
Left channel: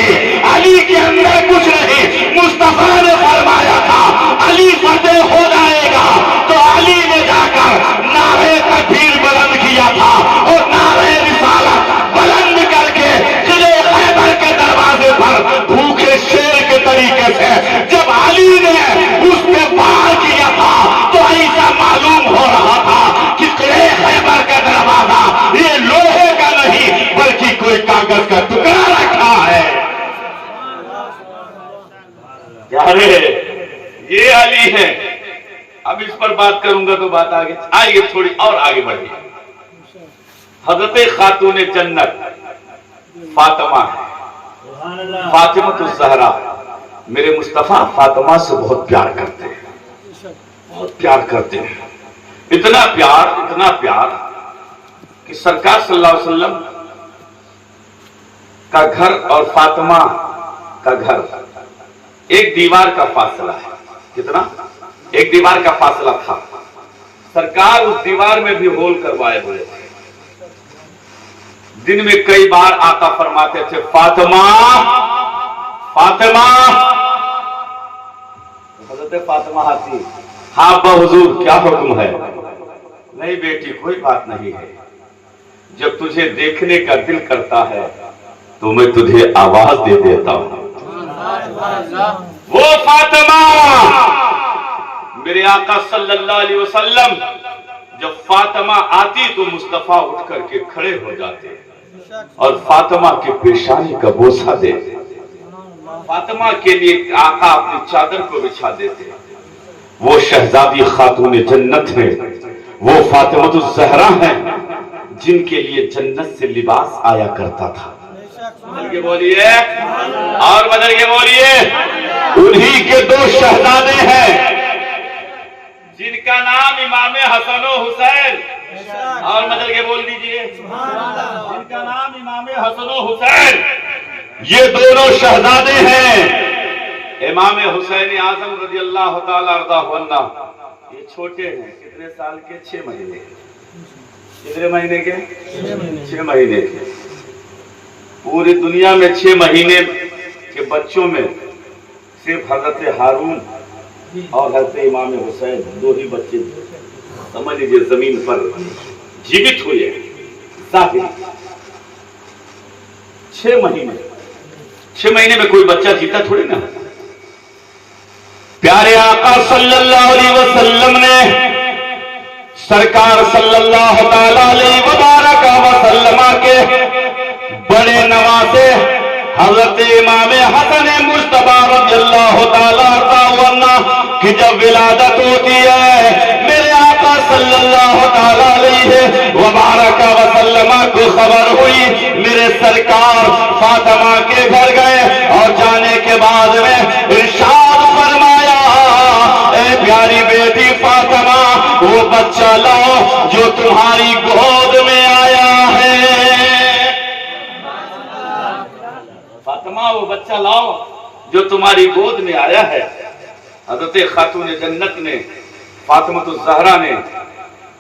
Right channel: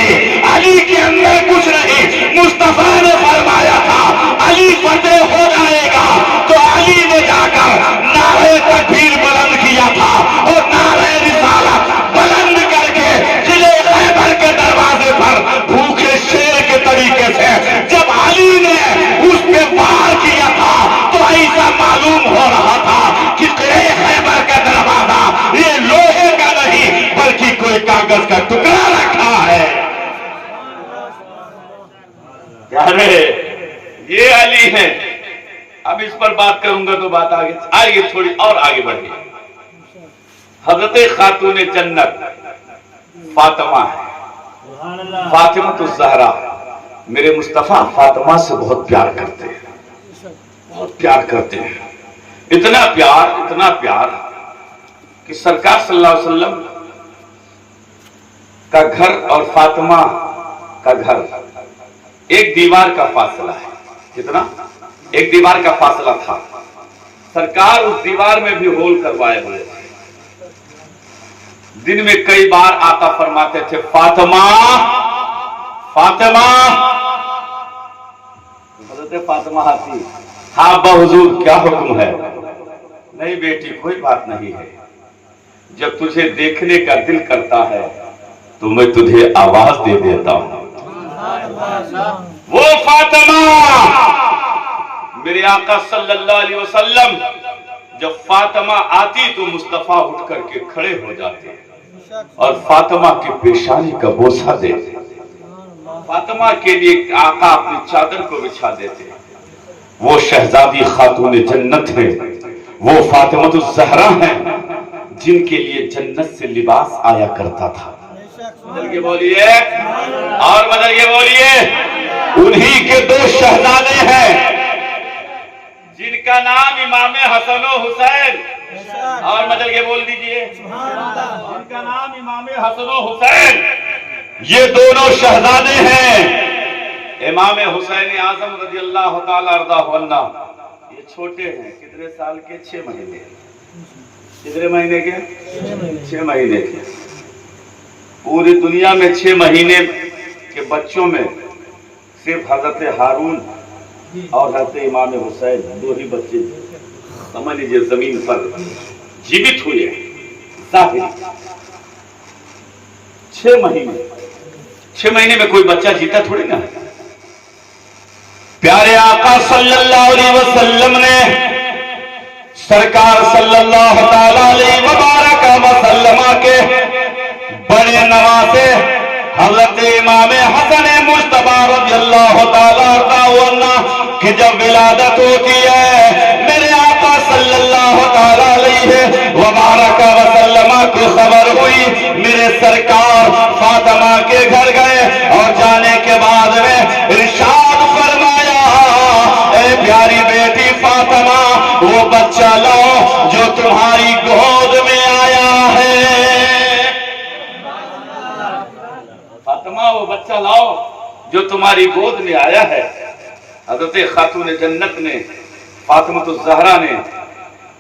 علی کے اندر کچھ نہیں۔ مصطفیٰ نے فرمایا تھا علی فتح ہو جائے گا، تو علی نے جا کر نعرے تکبیر بلند کیا تھا، اور نعرے رسالت بلند کر کے قلعے خیبر کے دروازے پر بھوکے شیر کے طریقے سے جب علی نے اس پہ وار کیا تھا، تو ایسا معلوم ہو رہا تھا کہ قلعے خیبر کا دروازہ یہ لوہے کا نہیں بلکہ کوئی کاغذ کا ٹکڑا رکھا ہے۔ یہ علی ہے۔ اب اس پر بات کروں گا تو بات آگے تھوڑی اور آگے بڑھی۔ حضرت خاتون جنت فاطمہ ہے، فاطمہ الزہرا، میرے مصطفیٰ فاطمہ سے بہت پیار کرتے ہیں، بہت پیار کرتے ہیں، اتنا پیار کہ سرکار صلی اللہ علیہ وسلم کا گھر اور فاطمہ کا گھر ایک دیوار کا فاصلہ ہے۔ کتنا؟ ایک دیوار کا فاصلہ تھا۔ سرکار اس دیوار میں بھی ہول کروائے ہوئے تھے۔ دن میں کئی بار آقا فرماتے تھے، فاطمہ فاطمہ، حضرت فاطمہ آتی، ہاں با حضور کیا حکم ہے؟ نہیں بیٹی کوئی بات نہیں ہے، جب تجھے دیکھنے کا دل کرتا ہے تو میں تجھے آواز دے دیتا ہوں۔ وہ فاطمہ، میرے آقا صلی اللہ علیہ وسلم جب فاطمہ آتی تو مصطفیٰ اٹھ کر کے کھڑے ہو جاتے اور فاطمہ کے پیشانی کا بوسہ دیتے، فاطمہ کے لیے آقا اپنی چادر کو بچھا دیتے۔ وہ شہزادی خاتون جنت ہیں، وہ فاطمہ الزہرا ہیں جن کے لیے جنت سے لباس آیا کرتا تھا۔ بدل کے بولیے اور بدل کے بولیے، انہی کے دو شہزادے ہیں جن کا نام امام حسن و حسین، اور بدل کے بول دیجئے جن کا نام امام حسن و حسین، یہ دونوں شہزادے ہیں۔ امام حسین اعظم رضی اللہ تعالی عنہ یہ چھوٹے ہیں، کتنے سال کے؟ 6 مہینے۔ کتنے مہینے کے؟ 6 مہینے کے۔ پوری دنیا میں 6 مہینے کے بچوں میں صرف حضرت ہارون اور حضرت امام حسین 2 ہی بچے سمجھ لیجیے زمین پر جیوت ہوئے ظاہر۔ 6 مہینے میں کوئی بچہ جیتا تھوڑی نا۔ پیارے آقا صلی اللہ علیہ وسلم نے سرکار صلی اللہ تعالی علیہ وبارک وسلم کے بڑے نواسے حضرت امام حسن مجتبی رضی اللہ تعالی عنہ کی جب ولادت ہوتی ہے، میرے آقا صلی اللہ تعالی علیہ وبارک وسلم کو خبر ہوئی، میرے سرکار فاطمہ کے گھر گئے اور جانے کے بعد میں ارشاد فرمایا، اے پیاری بیٹی فاطمہ، وہ بچہ لاؤ جو تمہاری گود میں آیا ہے۔ فاطمہ، وہ بچہ لاؤ جو تمہاری گود میں آیا ہے۔ حضرت خاتون جنت نے، فاطمہ الزہرا نے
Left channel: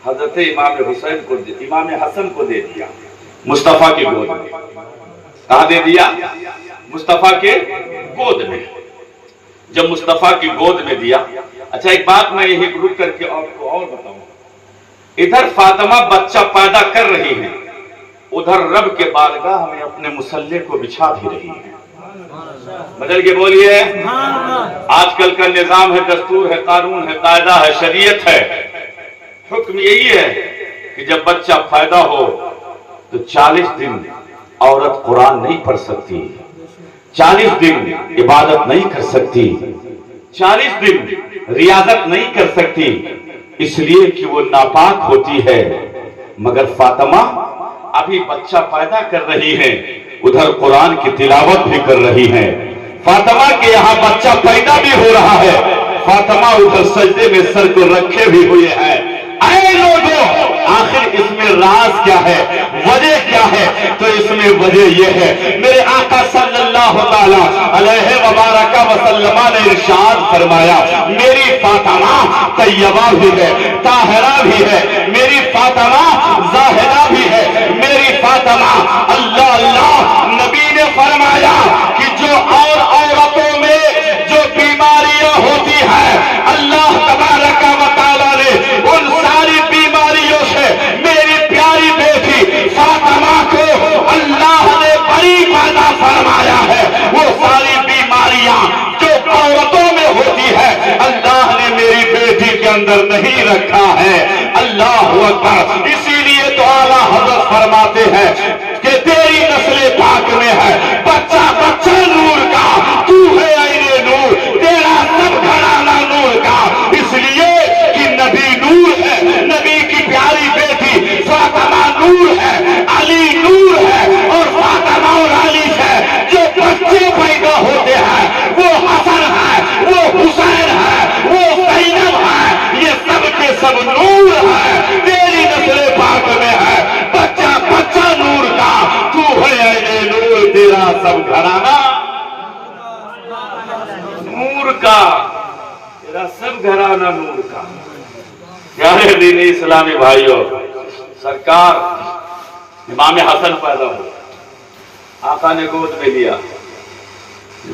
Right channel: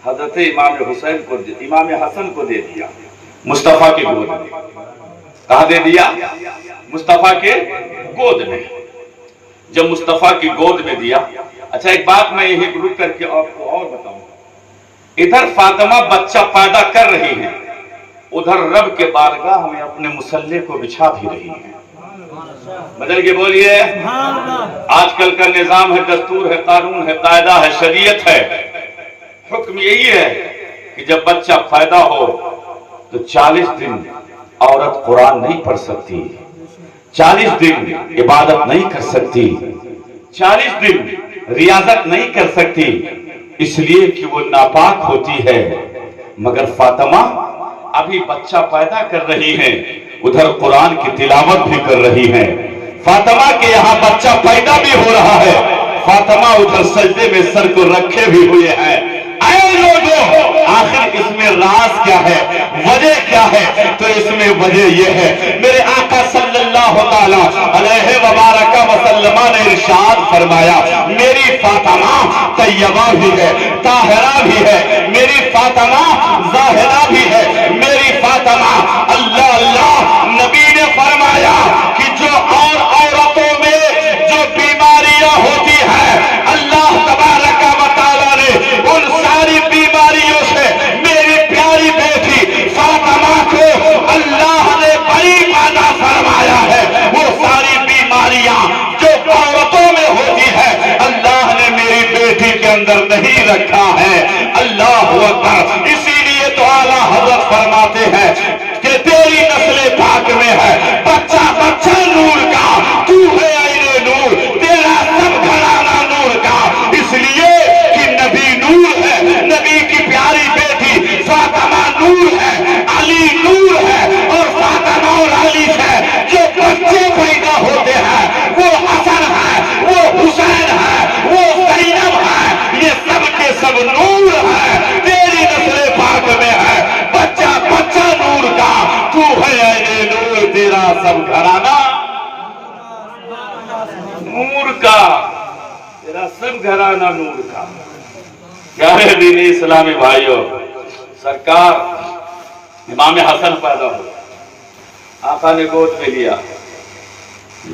حضرت امام حسن کو دے دیا مصطفیٰ کی گود میں۔ کہاں دے دیا؟ مصطفیٰ کے گود میں۔ جب مصطفیٰ کی گود میں دیا، اچھا ایک بات میں یہی رک کر کے آپ کو اور بتاؤں، ادھر فاطمہ بچہ پیدا کر رہی ہیں، ادھر رب کے بارگاہ میں اپنے مصلی کو بچھا بھی رہی ہیں۔ بدل کے بولیے، آج کل کا نظام ہے، دستور ہے، قانون ہے، قاعدہ ہے، شریعت ہے، حکم یہی ہے کہ جب بچہ پیدا ہو تو 40 دن عورت قرآن نہیں پڑھ سکتی، 40 دن عبادت نہیں کر سکتی، 40 دن ریاضت نہیں کر سکتی، اس لیے کہ وہ ناپاک ہوتی ہے۔ مگر فاطمہ ابھی بچہ پیدا کر رہی ہیں، ادھر قرآن کی تلاوت بھی کر رہی ہیں۔ فاطمہ کے یہاں بچہ پیدا بھی ہو رہا ہے، فاطمہ ادھر سجدے میں سر کو رکھے بھی ہوئے ہیں۔ اے لوگوں، آخر اس میں راز کیا ہے، وجہ کیا ہے؟ تو اس میں وجہ یہ ہے، میرے آقا صلی اللہ تعالی علیہ وبارک وسلم نے ارشاد فرمایا، میری فاطمہ طیبہ بھی ہے، طاہرہ بھی ہے، میری فاطمہ زاہدہ بھی ہے، میری فاطمہ اللہ اللہ۔ نبی نے فرمایا کہ جو اور عورتوں میں جو بیماریاں ہوتی ہیں، اللہ تبارک و تعالی نے ان ساری بیماریوں سے میری پیاری بیٹی فاطمہ کو اللہ نے بری پیدا فرمایا ہے۔ وہ ساری بیماریاں جو عورتوں میں ہوتی ہے، اللہ نے میری بیٹی کے اندر نہیں رکھا ہے۔ اللہ اکبر۔ اسی لیے تو اعلیٰ حضرت فرماتے ہیں کہ تیری نسل پاک میں ہے بچہ بچہ نور کا، تو ہے عین نور، تیرا سب گھرانہ نور کا۔ اس لیے کہ نبی نور ہے، نبی کی پیاری بیٹی فاطمہ نور ہے، علی نور ہے، اور فاطمہ اور علی سے جو بچے پیدا ہوتے ہیں وہ حسن ہے، وہ حسین ہے، وہ زینب ہے، یہ سب کے سب نور ہے۔ تیری نسل پاک میں ہے بچہ بچہ نور کا، تو ہے عین نور، تیرا سب گھرانہ نور کا، تیرا سب گھرانہ نور کا۔ پیارے دین اسلامی بھائیوں، سرکار امام حسن پیدا ہو، آقا نے گود میں لیا،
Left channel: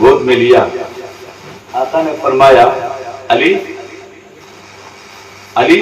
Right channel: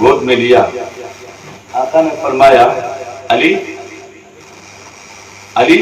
گود میں لیا، آقا نے فرمایا علی علی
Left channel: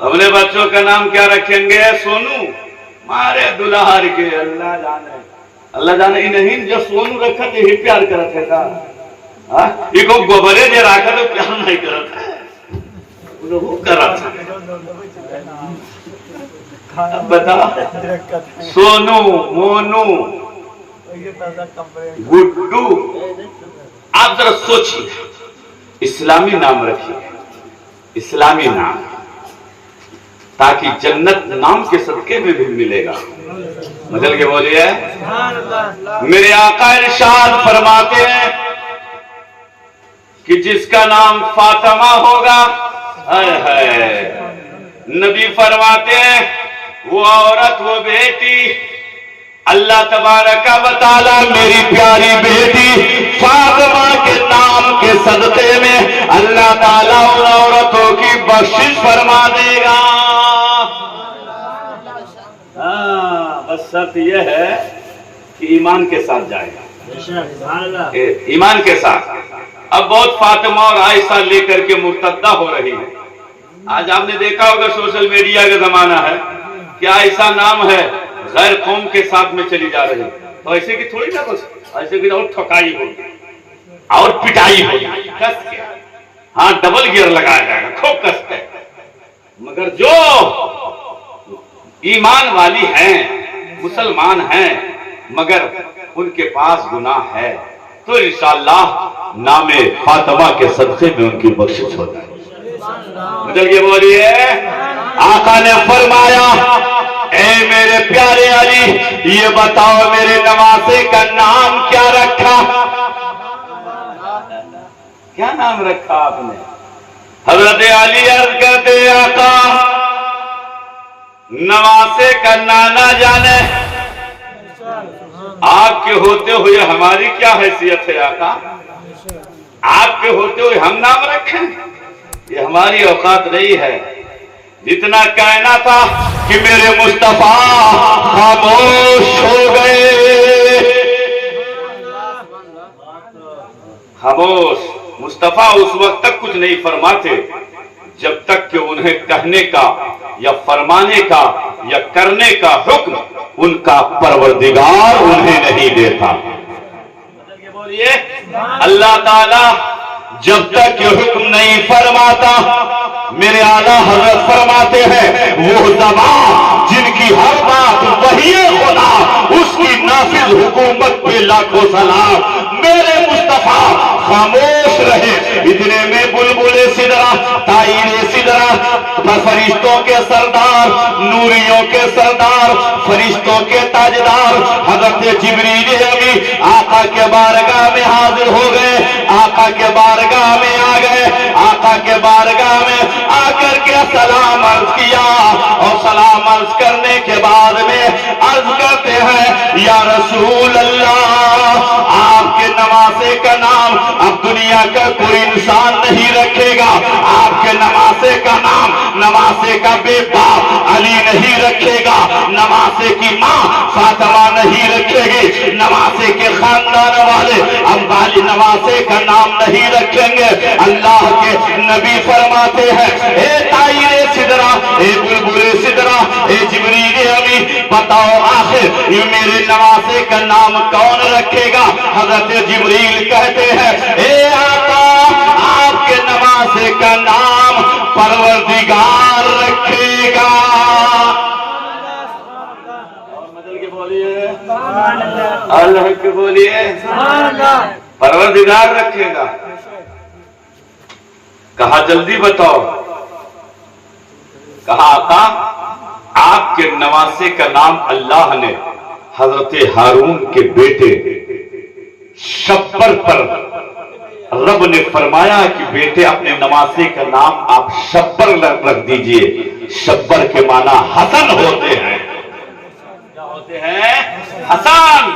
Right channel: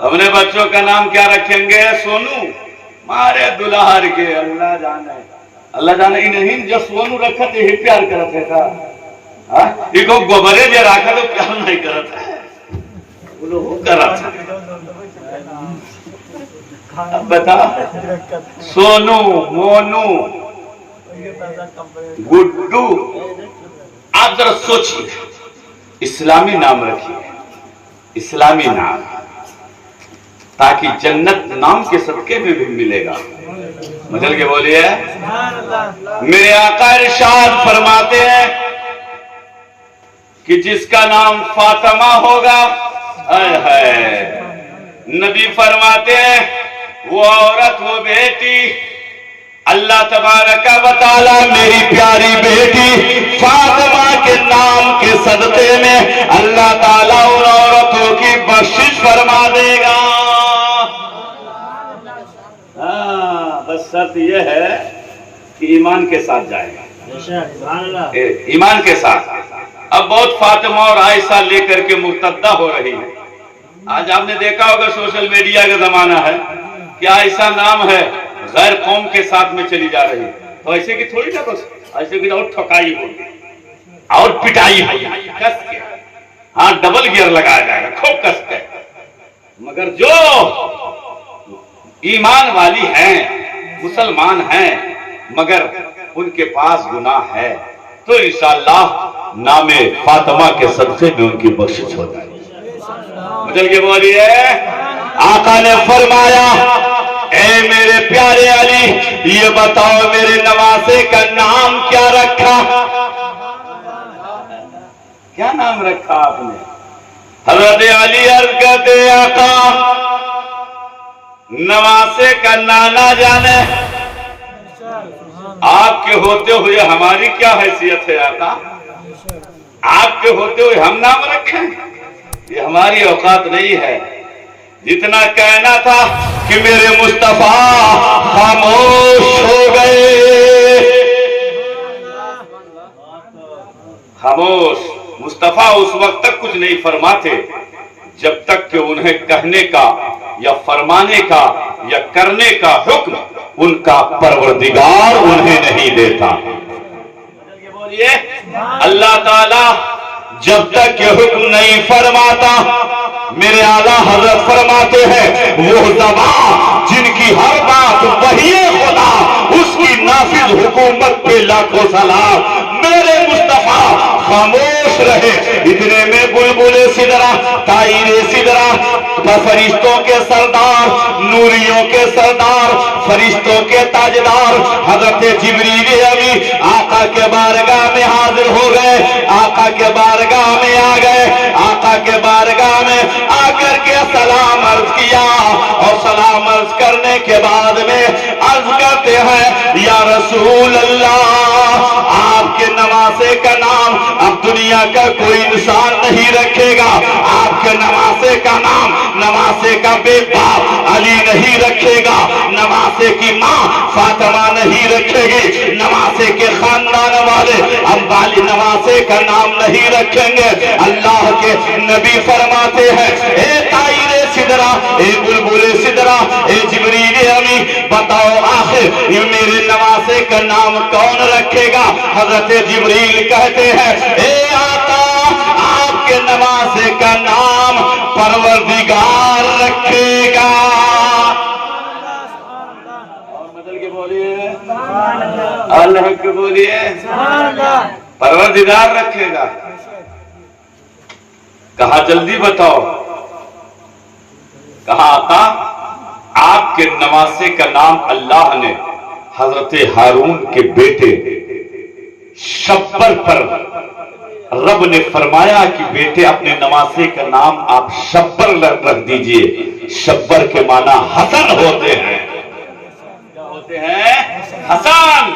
اپنے بچوں کا نام کیا رکھیں گے؟ سونو مارے دلہار کے اللہ جانے نہیں جو سونو رکھا تو یہی پیار کرت ہے کا یہ کو گوبرے جو رکھا تو پیار نہیں کرت ہے کرت ہے بتا سونو مونو گڈو آپ ذرا سوچیے اسلامی نام رکھیے اسلامی نام تاکہ جنت نام کے صدقے میں بھی ملے گا مجل کے بولیے میرے آقا ارشاد فرماتے ہیں کہ جس کا نام فاطمہ ہوگا نبی فرماتے ہیں وہ عورت وہ بیٹی اللہ تبارک و تعالی میری پیاری بیٹی فاطمہ کے نام کے صدقے میں اللہ تعالیٰ ان عورتوں کی بخشش فرما دے گا بس شرط یہ ہے کہ ایمان کے ساتھ جائے گا ایمان کے ساتھ اب بہت فاطمہ اور عائشہ لے کر کے مرتدہ ہو رہی ہے آج آپ نے دیکھا ہوگا سوشل میڈیا کا زمانہ ہے کہ عائشہ نام ہے غیر قوم کے ساتھ میں چلی جا رہی تو ایسے کی تھوڑی نہ کچھ ایسے کی اور ٹھکائی ہوگی اور پٹائی ہوگی کس کے ہاں ڈبل گیئر لگایا جائے گا خوب کس کے مگر جو ایمان والی ہیں مسلمان ہیں مگر ان کے پاس گناہ ہے تو انشاءاللہ نام فاطمہ کے صدقے میں ان کی بخشش ہوتا ہے مجھل کے بولیے آقا نے فرمایا اے میرے پیارے علی یہ بتاؤ میرے نواسے کا نام کیا رکھا کیا نام رکھا آپ نے حضرت علی عرض کرتے آقا نواسے کا نانا جانے آپ کے ہوتے ہوئے ہماری کیا حیثیت ہے آقا آپ کے ہوتے ہوئے ہم نام رکھیں یہ ہماری اوقات نہیں ہے جتنا کہنا تھا کہ میرے مصطفیٰ خاموش ہو گئے خاموش مصطفیٰ اس وقت تک کچھ نہیں فرماتے جب تک کہ انہیں کہنے کا یا فرمانے کا یا کرنے کا حکم ان کا پروردگار انہیں نہیں دیتا اللہ تعالی جب تک یہ حکم نہیں فرماتا میرے اعلیٰ حضرت فرماتے ہیں وہ زبان جن کی ہر بات وحی خدا اس کی نافذ حکومت پہ لاکھوں سلام میرے مصطفیٰ خاموش رہے اتنے میں بلبل سدرا طائر سدرا فرشتوں کے سردار نوریوں کے سردار فرشتوں کے تاجدار حضرت جبریل امین آقا کے بارگاہ میں حاضر ہو گئے آقا کے بارگاہ میں آ گئے آقا کے بارگاہ میں آ کر کے سلام عرض کیا اور سلام عرض کرنے کے بعد میں عرض کرتے ہیں یا رسول اللہ آپ کے نواسے کا نام اب دنیا کا کوئی انسان نہیں رکھے گا آپ کے نواسے کا نام نواسے کا بیٹا علی نہیں رکھے گا نواسے کی ماں فاطمہ نہیں رکھے گی نواسے کے خاندان والے اب والی نواسے کا نام نہیں رکھیں گے اللہ کے نبی فرماتے ہیں اے طائر سدرا اے بلبل سدرا اے جبریل امین بتاؤ آخر یہ میرے نواسے کا نام کون رکھے گا حضرت جبریل کہتے ہیں اے آقا آپ کے نواسے کا نام پروردگار رکھے گا اور بدل کے بولیے اللہ کے بولیے پروردگار رکھے گا کہا جلدی بتاؤ کہا آقا آپ کے نواسے کا نام اللہ نے حضرت ہارون کے بیٹے شبر پر رب نے فرمایا کہ بیٹے اپنے نواسے کا نام آپ شبر رکھ دیجئے شبر کے معنی حسن ہوتے ہیں کیا ہوتے ہیں حسن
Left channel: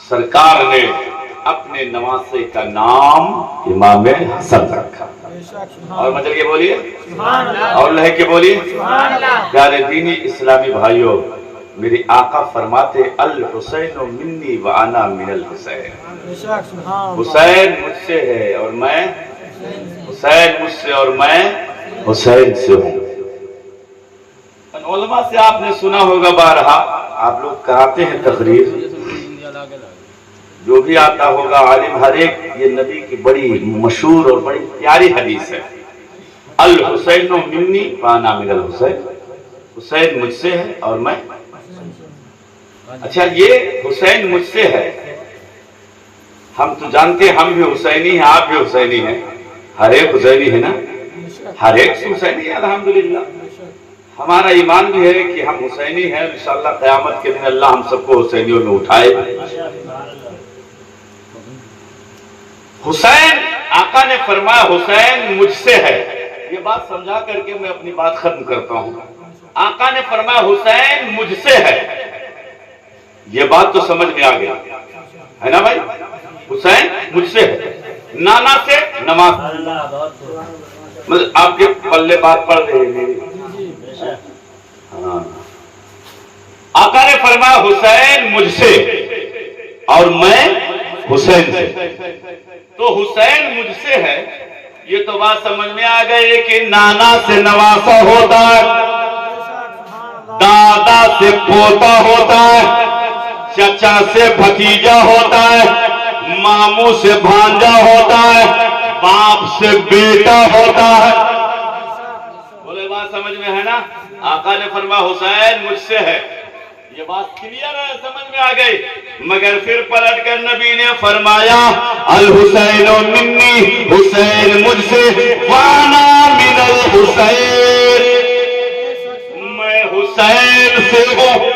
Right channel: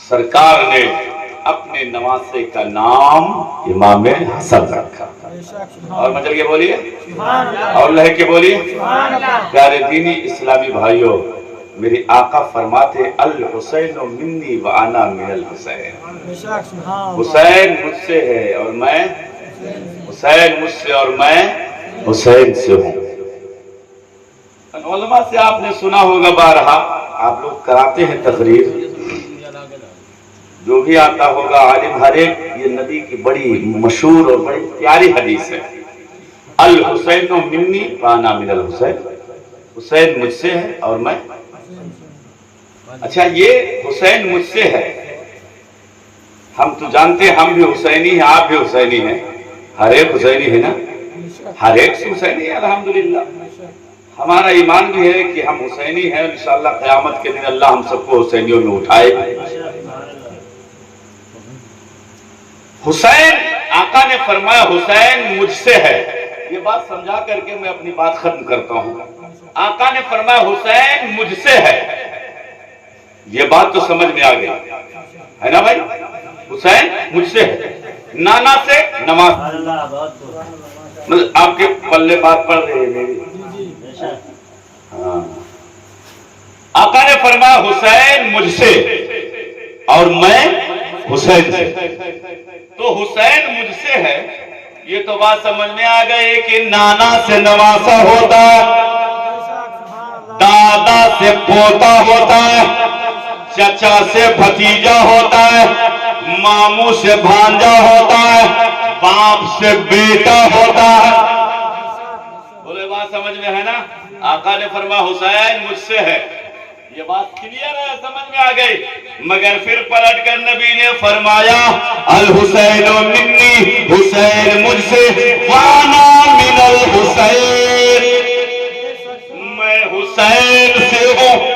سرکار نے اپنے نواسے کا نام امام حسن رکھا اور مجھے یہ بولیے اور لہ کے بولیے پیارے دینی اسلامی بھائیوں میری آقا فرماتے الحسین منی وانا من الحسین حسین مجھ سے ہے اور میں حسین مجھ سے اور میں حسین سے ہوں۔ علماء سے آپ نے سنا ہوگا بارہا، آپ لوگ کراتے ہیں تقریر، جو بھی آتا ہوگا عالم ہر ایک، یہ نبی کی بڑی مشہور اور بڑی پیاری حدیث ہے، الحسین منی وانا من الحسین، حسین مجھ سے ہے اور میں۔ اچھا، یہ حسین مجھ سے ہے، ہم تو جانتے ہیں ہم بھی حسینی ہیں، آپ بھی حسینی ہیں، ہر ایک حسینی ہے نا، ہر ایک سے حسینی ہے الحمدللہ۔ ہمارا ایمان بھی ہے کہ ہم حسینی ہیں، انشاءاللہ قیامت کے دن اللہ ہم سب کو حسینیوں میں اٹھائے۔ حسین، آقا نے فرمایا حسین مجھ سے ہے، یہ بات سمجھا کر کے میں اپنی بات ختم کرتا ہوں۔ آقا نے فرمایا حسین مجھ سے ہے، یہ بات تو سمجھ میں آ گئی ہے نا بھائی؟ حسین مجھ سے ہے، نانا سے نماز، مطلب آپ کے پلے بات پڑھ رہے ہیں۔ ہاں، آقا نے فرمایا حسین مجھ سے اور میں حسین سے، تو حسین مجھ سے ہے، یہ تو بات سمجھ میں آ گئی کہ نانا سے نواسا ہوتا ہے، دادا سے پوتا ہوتا ہے، چچا سے بھتیجا ہوتا ہے، ماموں سے بھانجا ہوتا ہے، باپ سے بیٹا ہوتا ہے۔ بولے بات سمجھ میں ہے نا؟ آقا نے فرمایا حسین مجھ سے ہے، یہ بات کلیئر ہے، سمجھ میں آ گئی۔ مگر پھر پلٹ کر نبی نے فرمایا الحسین منی، حسین مجھ سے، وانا من الحسین، میں حسین سے ہوں۔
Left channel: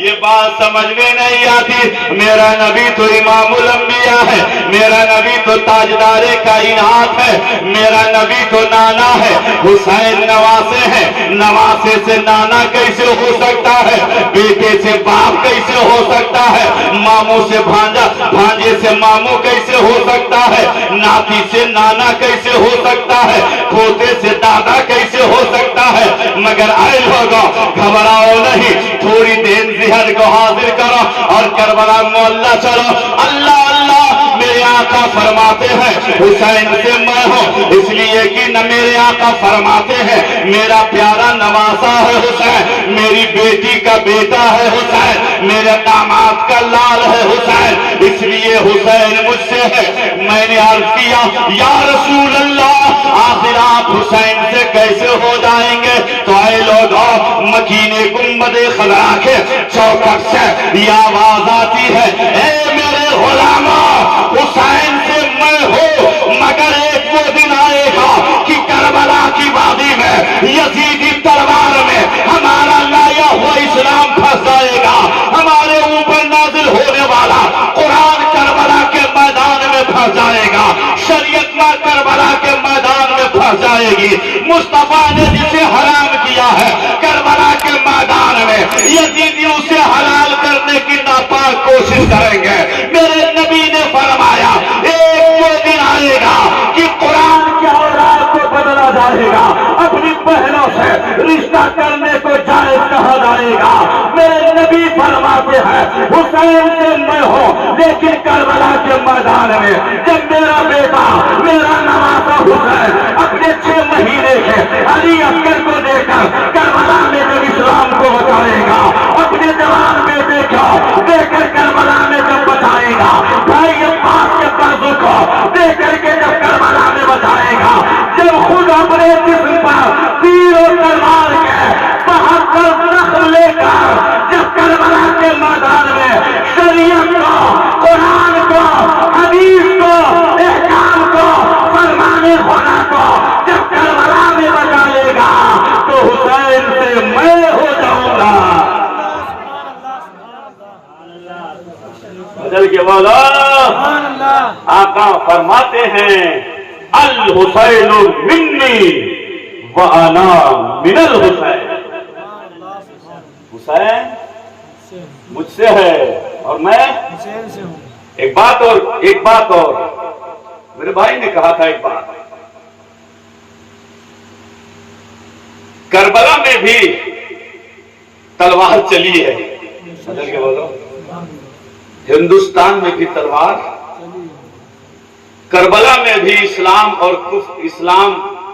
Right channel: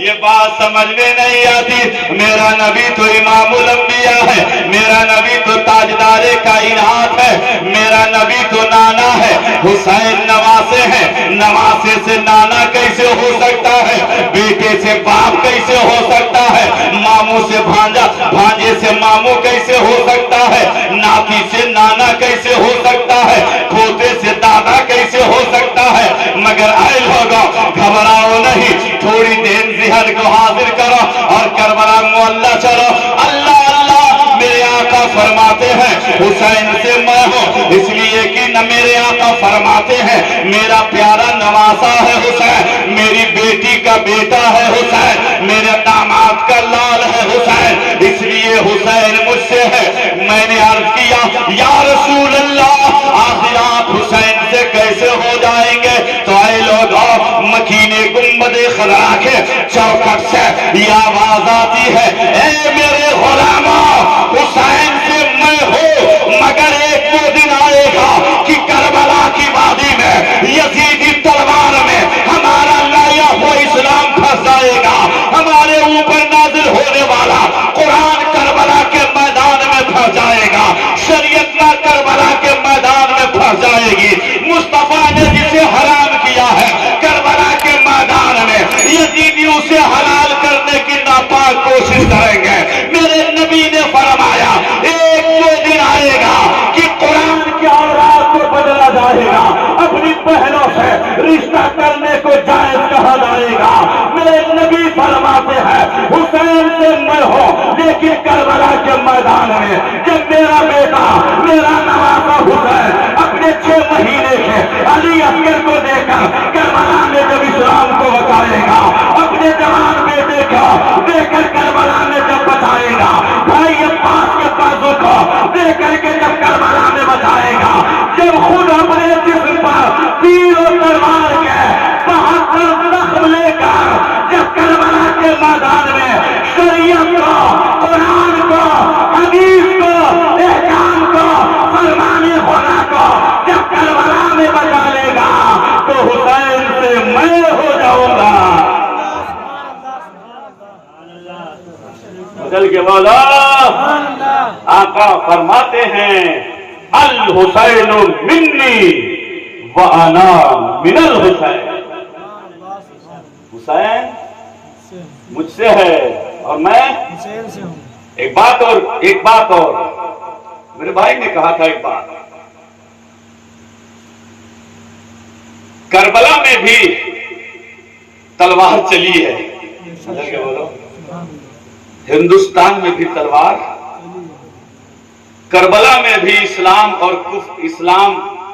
یہ بات سمجھ میں نہیں آتی، میرا نبی تو امام الانبیاء ہے، میرا نبی تو تاجدار کائنات ہے، میرا نبی تو نانا ہے، حسین نواسے ہیں، نواسے سے نانا کیسے ہو سکتا ہے، بیٹے سے باپ کیسے ہو سکتا ہے، ماموں سے بھانجا، بھانجے سے ماموں کیسے ہو سکتا ہے، ناتی سے نانا کیسے ہو سکتا ہے، پوتے سے دادا کیسے ہو سکتا ہے۔ مگر آئے لوگوں گھبراؤ نہیں، تھوڑی دیر ذہن کو حاضر کرو اور کربلا معلّہ چلو۔ اللہ اللہ، میرے آقا فرماتے ہیں حسین سے میں ہوں، اس لیے کہ نہ میرے آقا فرماتے ہیں میرا پیارا نواسا ہے حسین، میری بیٹی کا بیٹا ہے حسین، میرے داماد کا لال ہے حسین، اس لیے حسین مجھ سے ہے۔ میں نے عرض کیا یا رسول اللہ، آخر آپ حسین سے کیسے ہو جائیں گے؟ تو اے لوگوں، مکین گنبد خضرا کے چوکٹ سے یہ آواز آتی ہے، اے میرے غلاموں، حسین سے میں ہوں، مگر ایک وہ دن آئے گا کہ کربلا کی وادی میں یزیدی تلوار میں ہمارا لایا ہوا اسلام پھنس جائے گا، ہمارے اوپر نازل ہونے والا قرآن کربلا کے میدان میں پھنس جائے گا، شریعت کا کربلا کے میدان میں پھنس جائے گی۔ مصطفیٰ نے جسے حرام کیا ہے کربلا کے میدان میں، یزیدی اسے حلال کرنے کی ناپاک کوشش کریں گے۔ میرے نبی نے فرمایا ایک جو دن آئے گا کہ قرآن کے اوراد کو بدلا جائے گا، اپنی بہنوں سے رشتہ کرنے کو جائز کہا جائے گا۔ میرے نبی فرماتے ہیں حسین سے میں ہوں، لیکن کربلا کے میدان میں جب میرا بیٹا، میرا نواسا حسین اپنے 6 مہینے کے علی اصغر کو دے کر کربلا میں جب اسلام کو بچائے گا، اپنے جوان بیٹے کو دے کر کربلا میں جب بچائے گا، بھائی عباس کے ترزو کو دے کر کے جب کربلا میں بچائے گا، جب خود اپنے جسم پر تیر و تلوار کے 72 زخم لے کر جب کربلا کے میدان میں شریعت کو، قرآن کو، حدیث کو، احکام کو، فرمان خدا کو جب کربلا میں بچا لے گا تو حسین سے میں ہو جاؤں گا۔ بدل کے والا آقا فرماتے ہیں الحسین منی وانا من الحسین، حسین مجھ سے ہے اور میں حسین سے ہوں۔ ایک بات اور میرے بھائی نے کہا تھا، ایک بات، کربلا میں بھی تلوار چلی ہے، بدل کے بولو، ہندوستان میں بھی تلوار، کربلا میں بھی اسلام اور کفر، اسلام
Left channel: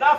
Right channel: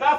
10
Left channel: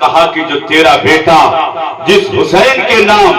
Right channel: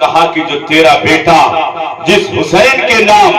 کہا کہ جو تیرا بیٹا جس حسین کے نام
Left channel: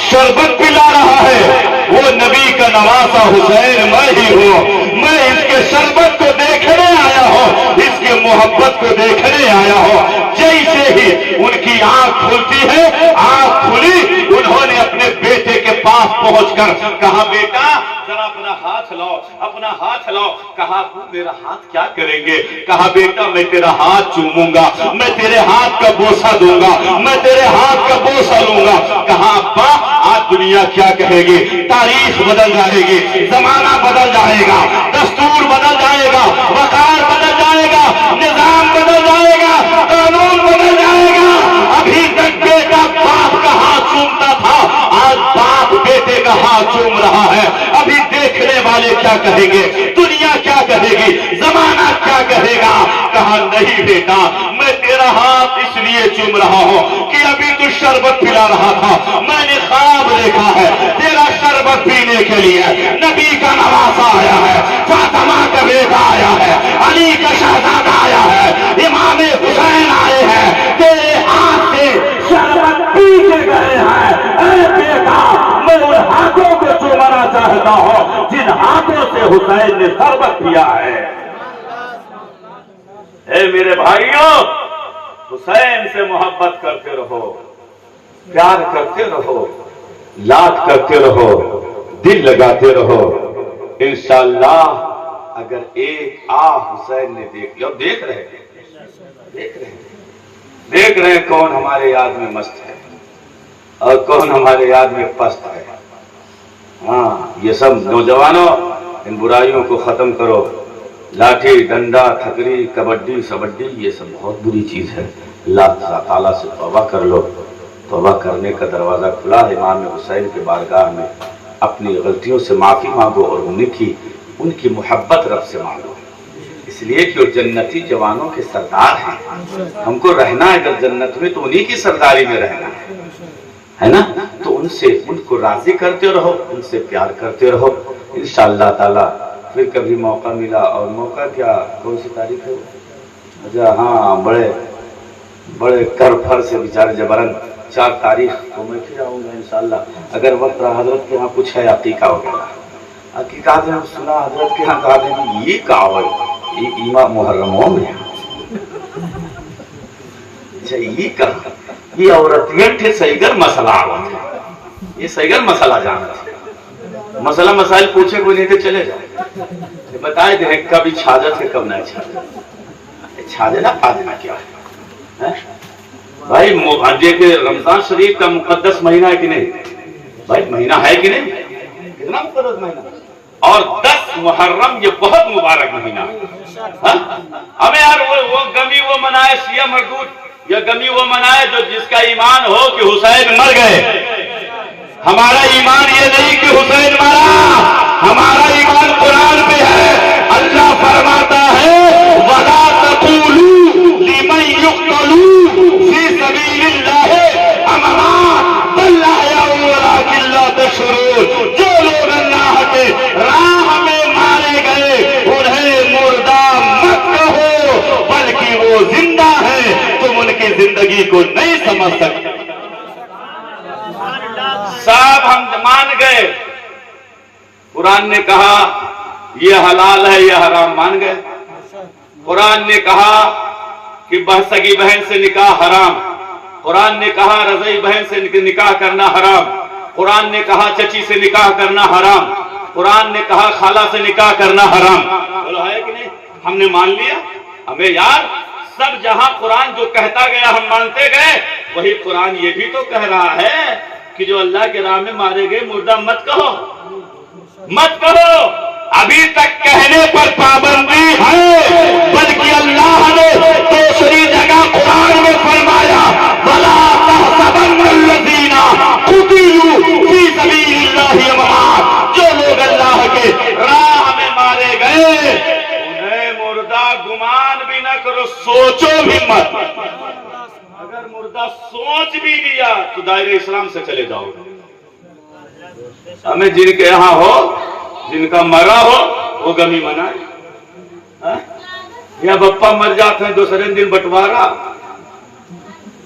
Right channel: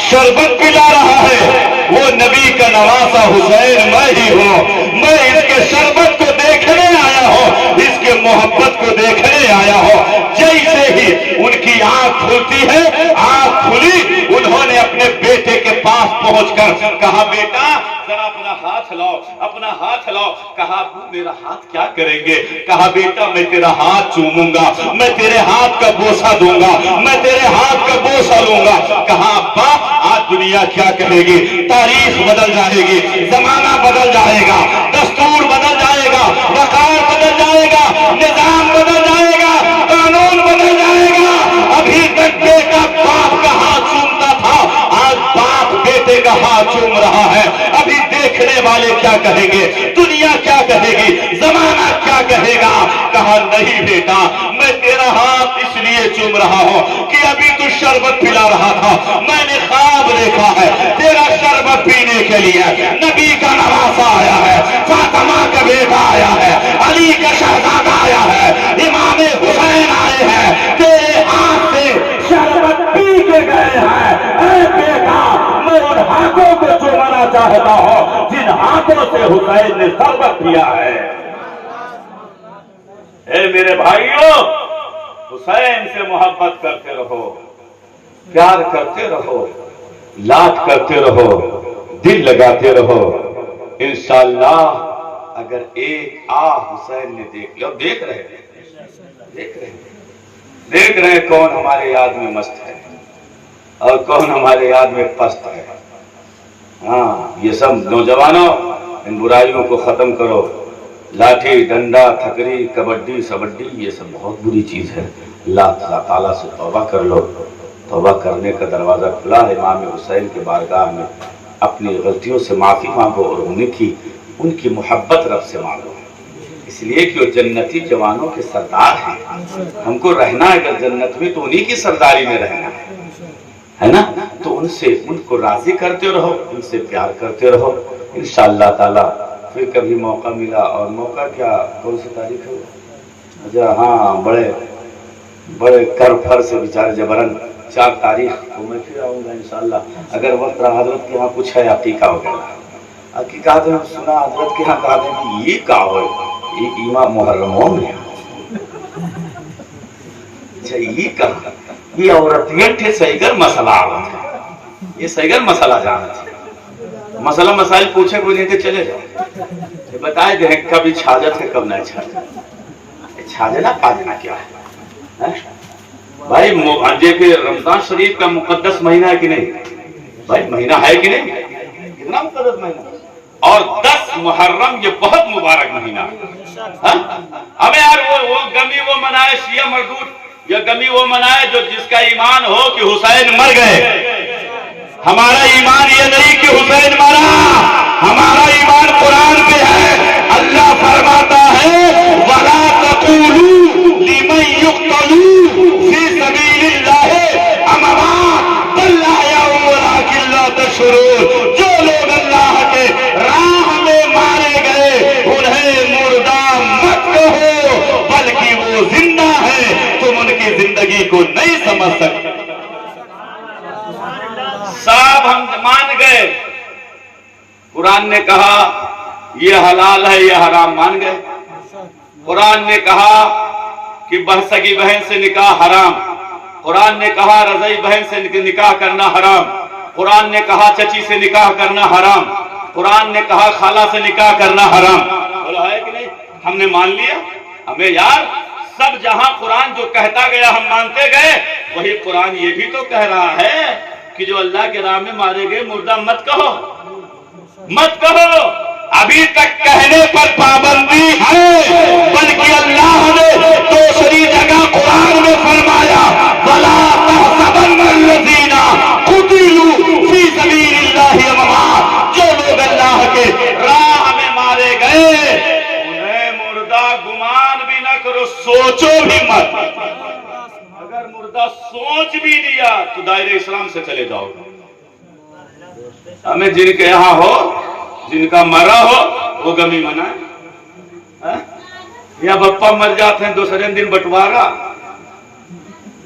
شربت پلا رہا ہے وہ نبی کا نواسا حسین میں ہی ہوں. میں اس کے شربت کو دیکھنے آیا ہوں, اس کے محبت کو دیکھنے آیا ہوں. جیسے ہی ان کی آنکھ کھلتی ہے, آنکھ کھلی, انہوں نے اپنے بیٹے کے پاس پہنچ کر کہا بیٹا ذرا اپنا ہاتھ لاؤ, اپنا ہاتھ لاؤ. کہا ابو میرا ہاتھ کیا کریں گے؟ کہا بیٹا میں تیرا ہاتھ چوموں گا, میں تیرے ہاتھ کا بوسہ دوں گا, میں تیرے ہاتھ کا بوسہ لوں گا. کہا ابا آج دنیا کیا کہے گی, تاریخ بدل جائے گی, زمانہ بدل جائے گا, دستور بدل جائے گا, وقار بدل جائے گا, نظام بدل جائے گا, قانون بدل جائے گا. ابھی تک بیٹا باپ کا ہاتھ چومتا تھا, آج باپ بیٹے کا ہاتھ چوم رہا ہے. ابھی دیکھنے والے کیا کہیں گے, دنیا کیا کہے گی, زمانہ کیا کہے گا. کہا نہیں بیٹا میں تیرا ہاتھ اس لیے چوم رہا ہوں کہ ابھی تو شربت پلا رہا تھا, میں نے خواب دیکھا ہے تیرا شربت پینے کے لیے نبی کا نواسا آیا ہے, فاطمہ کا بیٹا آیا ہے, علی کا شہزادہ آیا ہے, امام حسین آئے ہیں, تیرے ہاتھ سے شربت پی کے گئے ہیں. اے بیٹا میں ان ہاتھوں کو چومنا چاہتا ہوں جن ہاتھوں سے حسین نے شربت پیا ہے. اے میرے بھائیوں, حسین سے محبت کرتے رہو, پیار کرتے رہو, لاد کرتے رہو, دل لگاتے رہو. انشاءاللہ اگر ایک حسین نے دیکھ لیا, دیکھ رہے کون ہمارے یاد میں مست ہے اور کون ہمارے یاد میں پست ہے. ہاں یہ سب نوجوانوں ان برائیوں کو ختم کرو. لاٹھی ڈنڈا تھکری کبڈی سبڈی یہ سب بہت بری چیز ہے. اللہ تعالیٰ سے توبہ کر لو. توبہ کرنے کا دروازہ کھلا ہے. امام حسین کے بارگاہ میں اپنی غلطیوں سے معافی مانگو اور ان کی محبت رب سے مانگو, اس لیے کہ وہ جنتی جوانوں کے سردار ہیں. ہم کو رہنا ہے اگر جنت میں تو انہی کی سرداری میں رہنا ہے نا. تو ان کو راضی کرتے رہو, ان سے پیار کرتے رہو. انشاءاللہ تعالیٰ پھر کبھی موقع ملا, اور موقع کیا کون سی تاریخ ہے ذرا, ہاں بڑے کر پھر سے بیچارے جبرن 4 تاریخ تو میں پھر آؤں گا انشاءاللہ. اگر وقت رہا حضرت کے ہاں کچھ ہے عقیقہ وغیرہ, عقیقات ہم سنا حضرت کے ہاں کہا دیں یہ کہا ہو یہ ایمہ محرموں میں اچھا یہ کہا یہ عورتیاں تھے صحیح مسئلہ آوت ہے, یہ صحیح مسئلہ جانا تھا. مسئلہ مسائل پوچھے کوئی نہیں تو چلے جاؤ, بتائے دیں کب چھاجت ہے کب نہیں چھاجت. چھاجنا پاجنا کیا ہے بھائی؟ دیکھیں رمضان شریف کا مقدس مہینہ ہے کہ نہیں بھائی؟ مہینہ ہے کہ نہیں؟ کتنا مقدس مہینہ, اور 10 محرم یہ بہت مبارک مہینہ ہے. ہمیں یار وہ غمی وہ منائے شیعہ مردود, یا غمی وہ منائے جو جس کا ایمان ہو کہ حسین مر گئے. ہمارا ایمان یہ نہیں کہ حسین مرا, ہمارا ایمان قرآن پہ ہے. اللہ فرماتا ہے وَلَا تَقُولُوا لِمَنْ يُقْتَلُوا فِي سَبِيلِ اللَّهِ أَمْوَاتٌ بَلْ أَحْيَاءٌ وَلَٰكِن لَّا تَشْعُرُونَ. جو لوگ اللہ کے راہ میں مارے گئے انہیں مردہ مت کہو بلکہ وہ زندہ ہے, تم ان کی زندگی کو نہیں سمجھ سکتے. صاحب ہم مان گئے, قرآن نے کہا یہ حلال ہے یہ حرام مان گئے. قرآن نے کہا کہ سگی بہن سے نکاح حرام, قرآن نے کہا رضعی بہن سے نکاح کرنا حرام, قرآن نے کہا چچی سے نکاح کرنا حرام, قرآن نے کہا خالہ سے نکاح کرنا حرام. بولو ہے کہ نہیں؟ ہم نے مان لیا. ہمیں یار سب جہاں قرآن جو کہتا گیا ہم مانتے گئے, وہی قرآن یہ بھی تو کہہ رہا ہے کہ جو اللہ کے راہ میں مارے گئے مردہ مت کہو, مت کہو. ابھی تک کہنے پر پابندی ہے, بلکہ اللہ نے دوسری جگہ قرآن میں فرمایا وَلَا تَحْسَبَنَّ الَّذِينَ قُتِلُوا فِي سَبِيلِ اللَّهِ أَمْوَاتٌ. جو لوگ اللہ کے راہ میں مارے گئے انہیں مردہ گمان بھی نہ کرو, سوچو بھی مت. اگر مردہ سوچ بھی لیا تو دائرہ اسلام سے چلے جاؤ. ہمیں جن کے یہاں ہو, جن کا مرا ہو وہ غمی منائے, یا بپا مر جاتے ہیں دوسرے دن بٹوارا,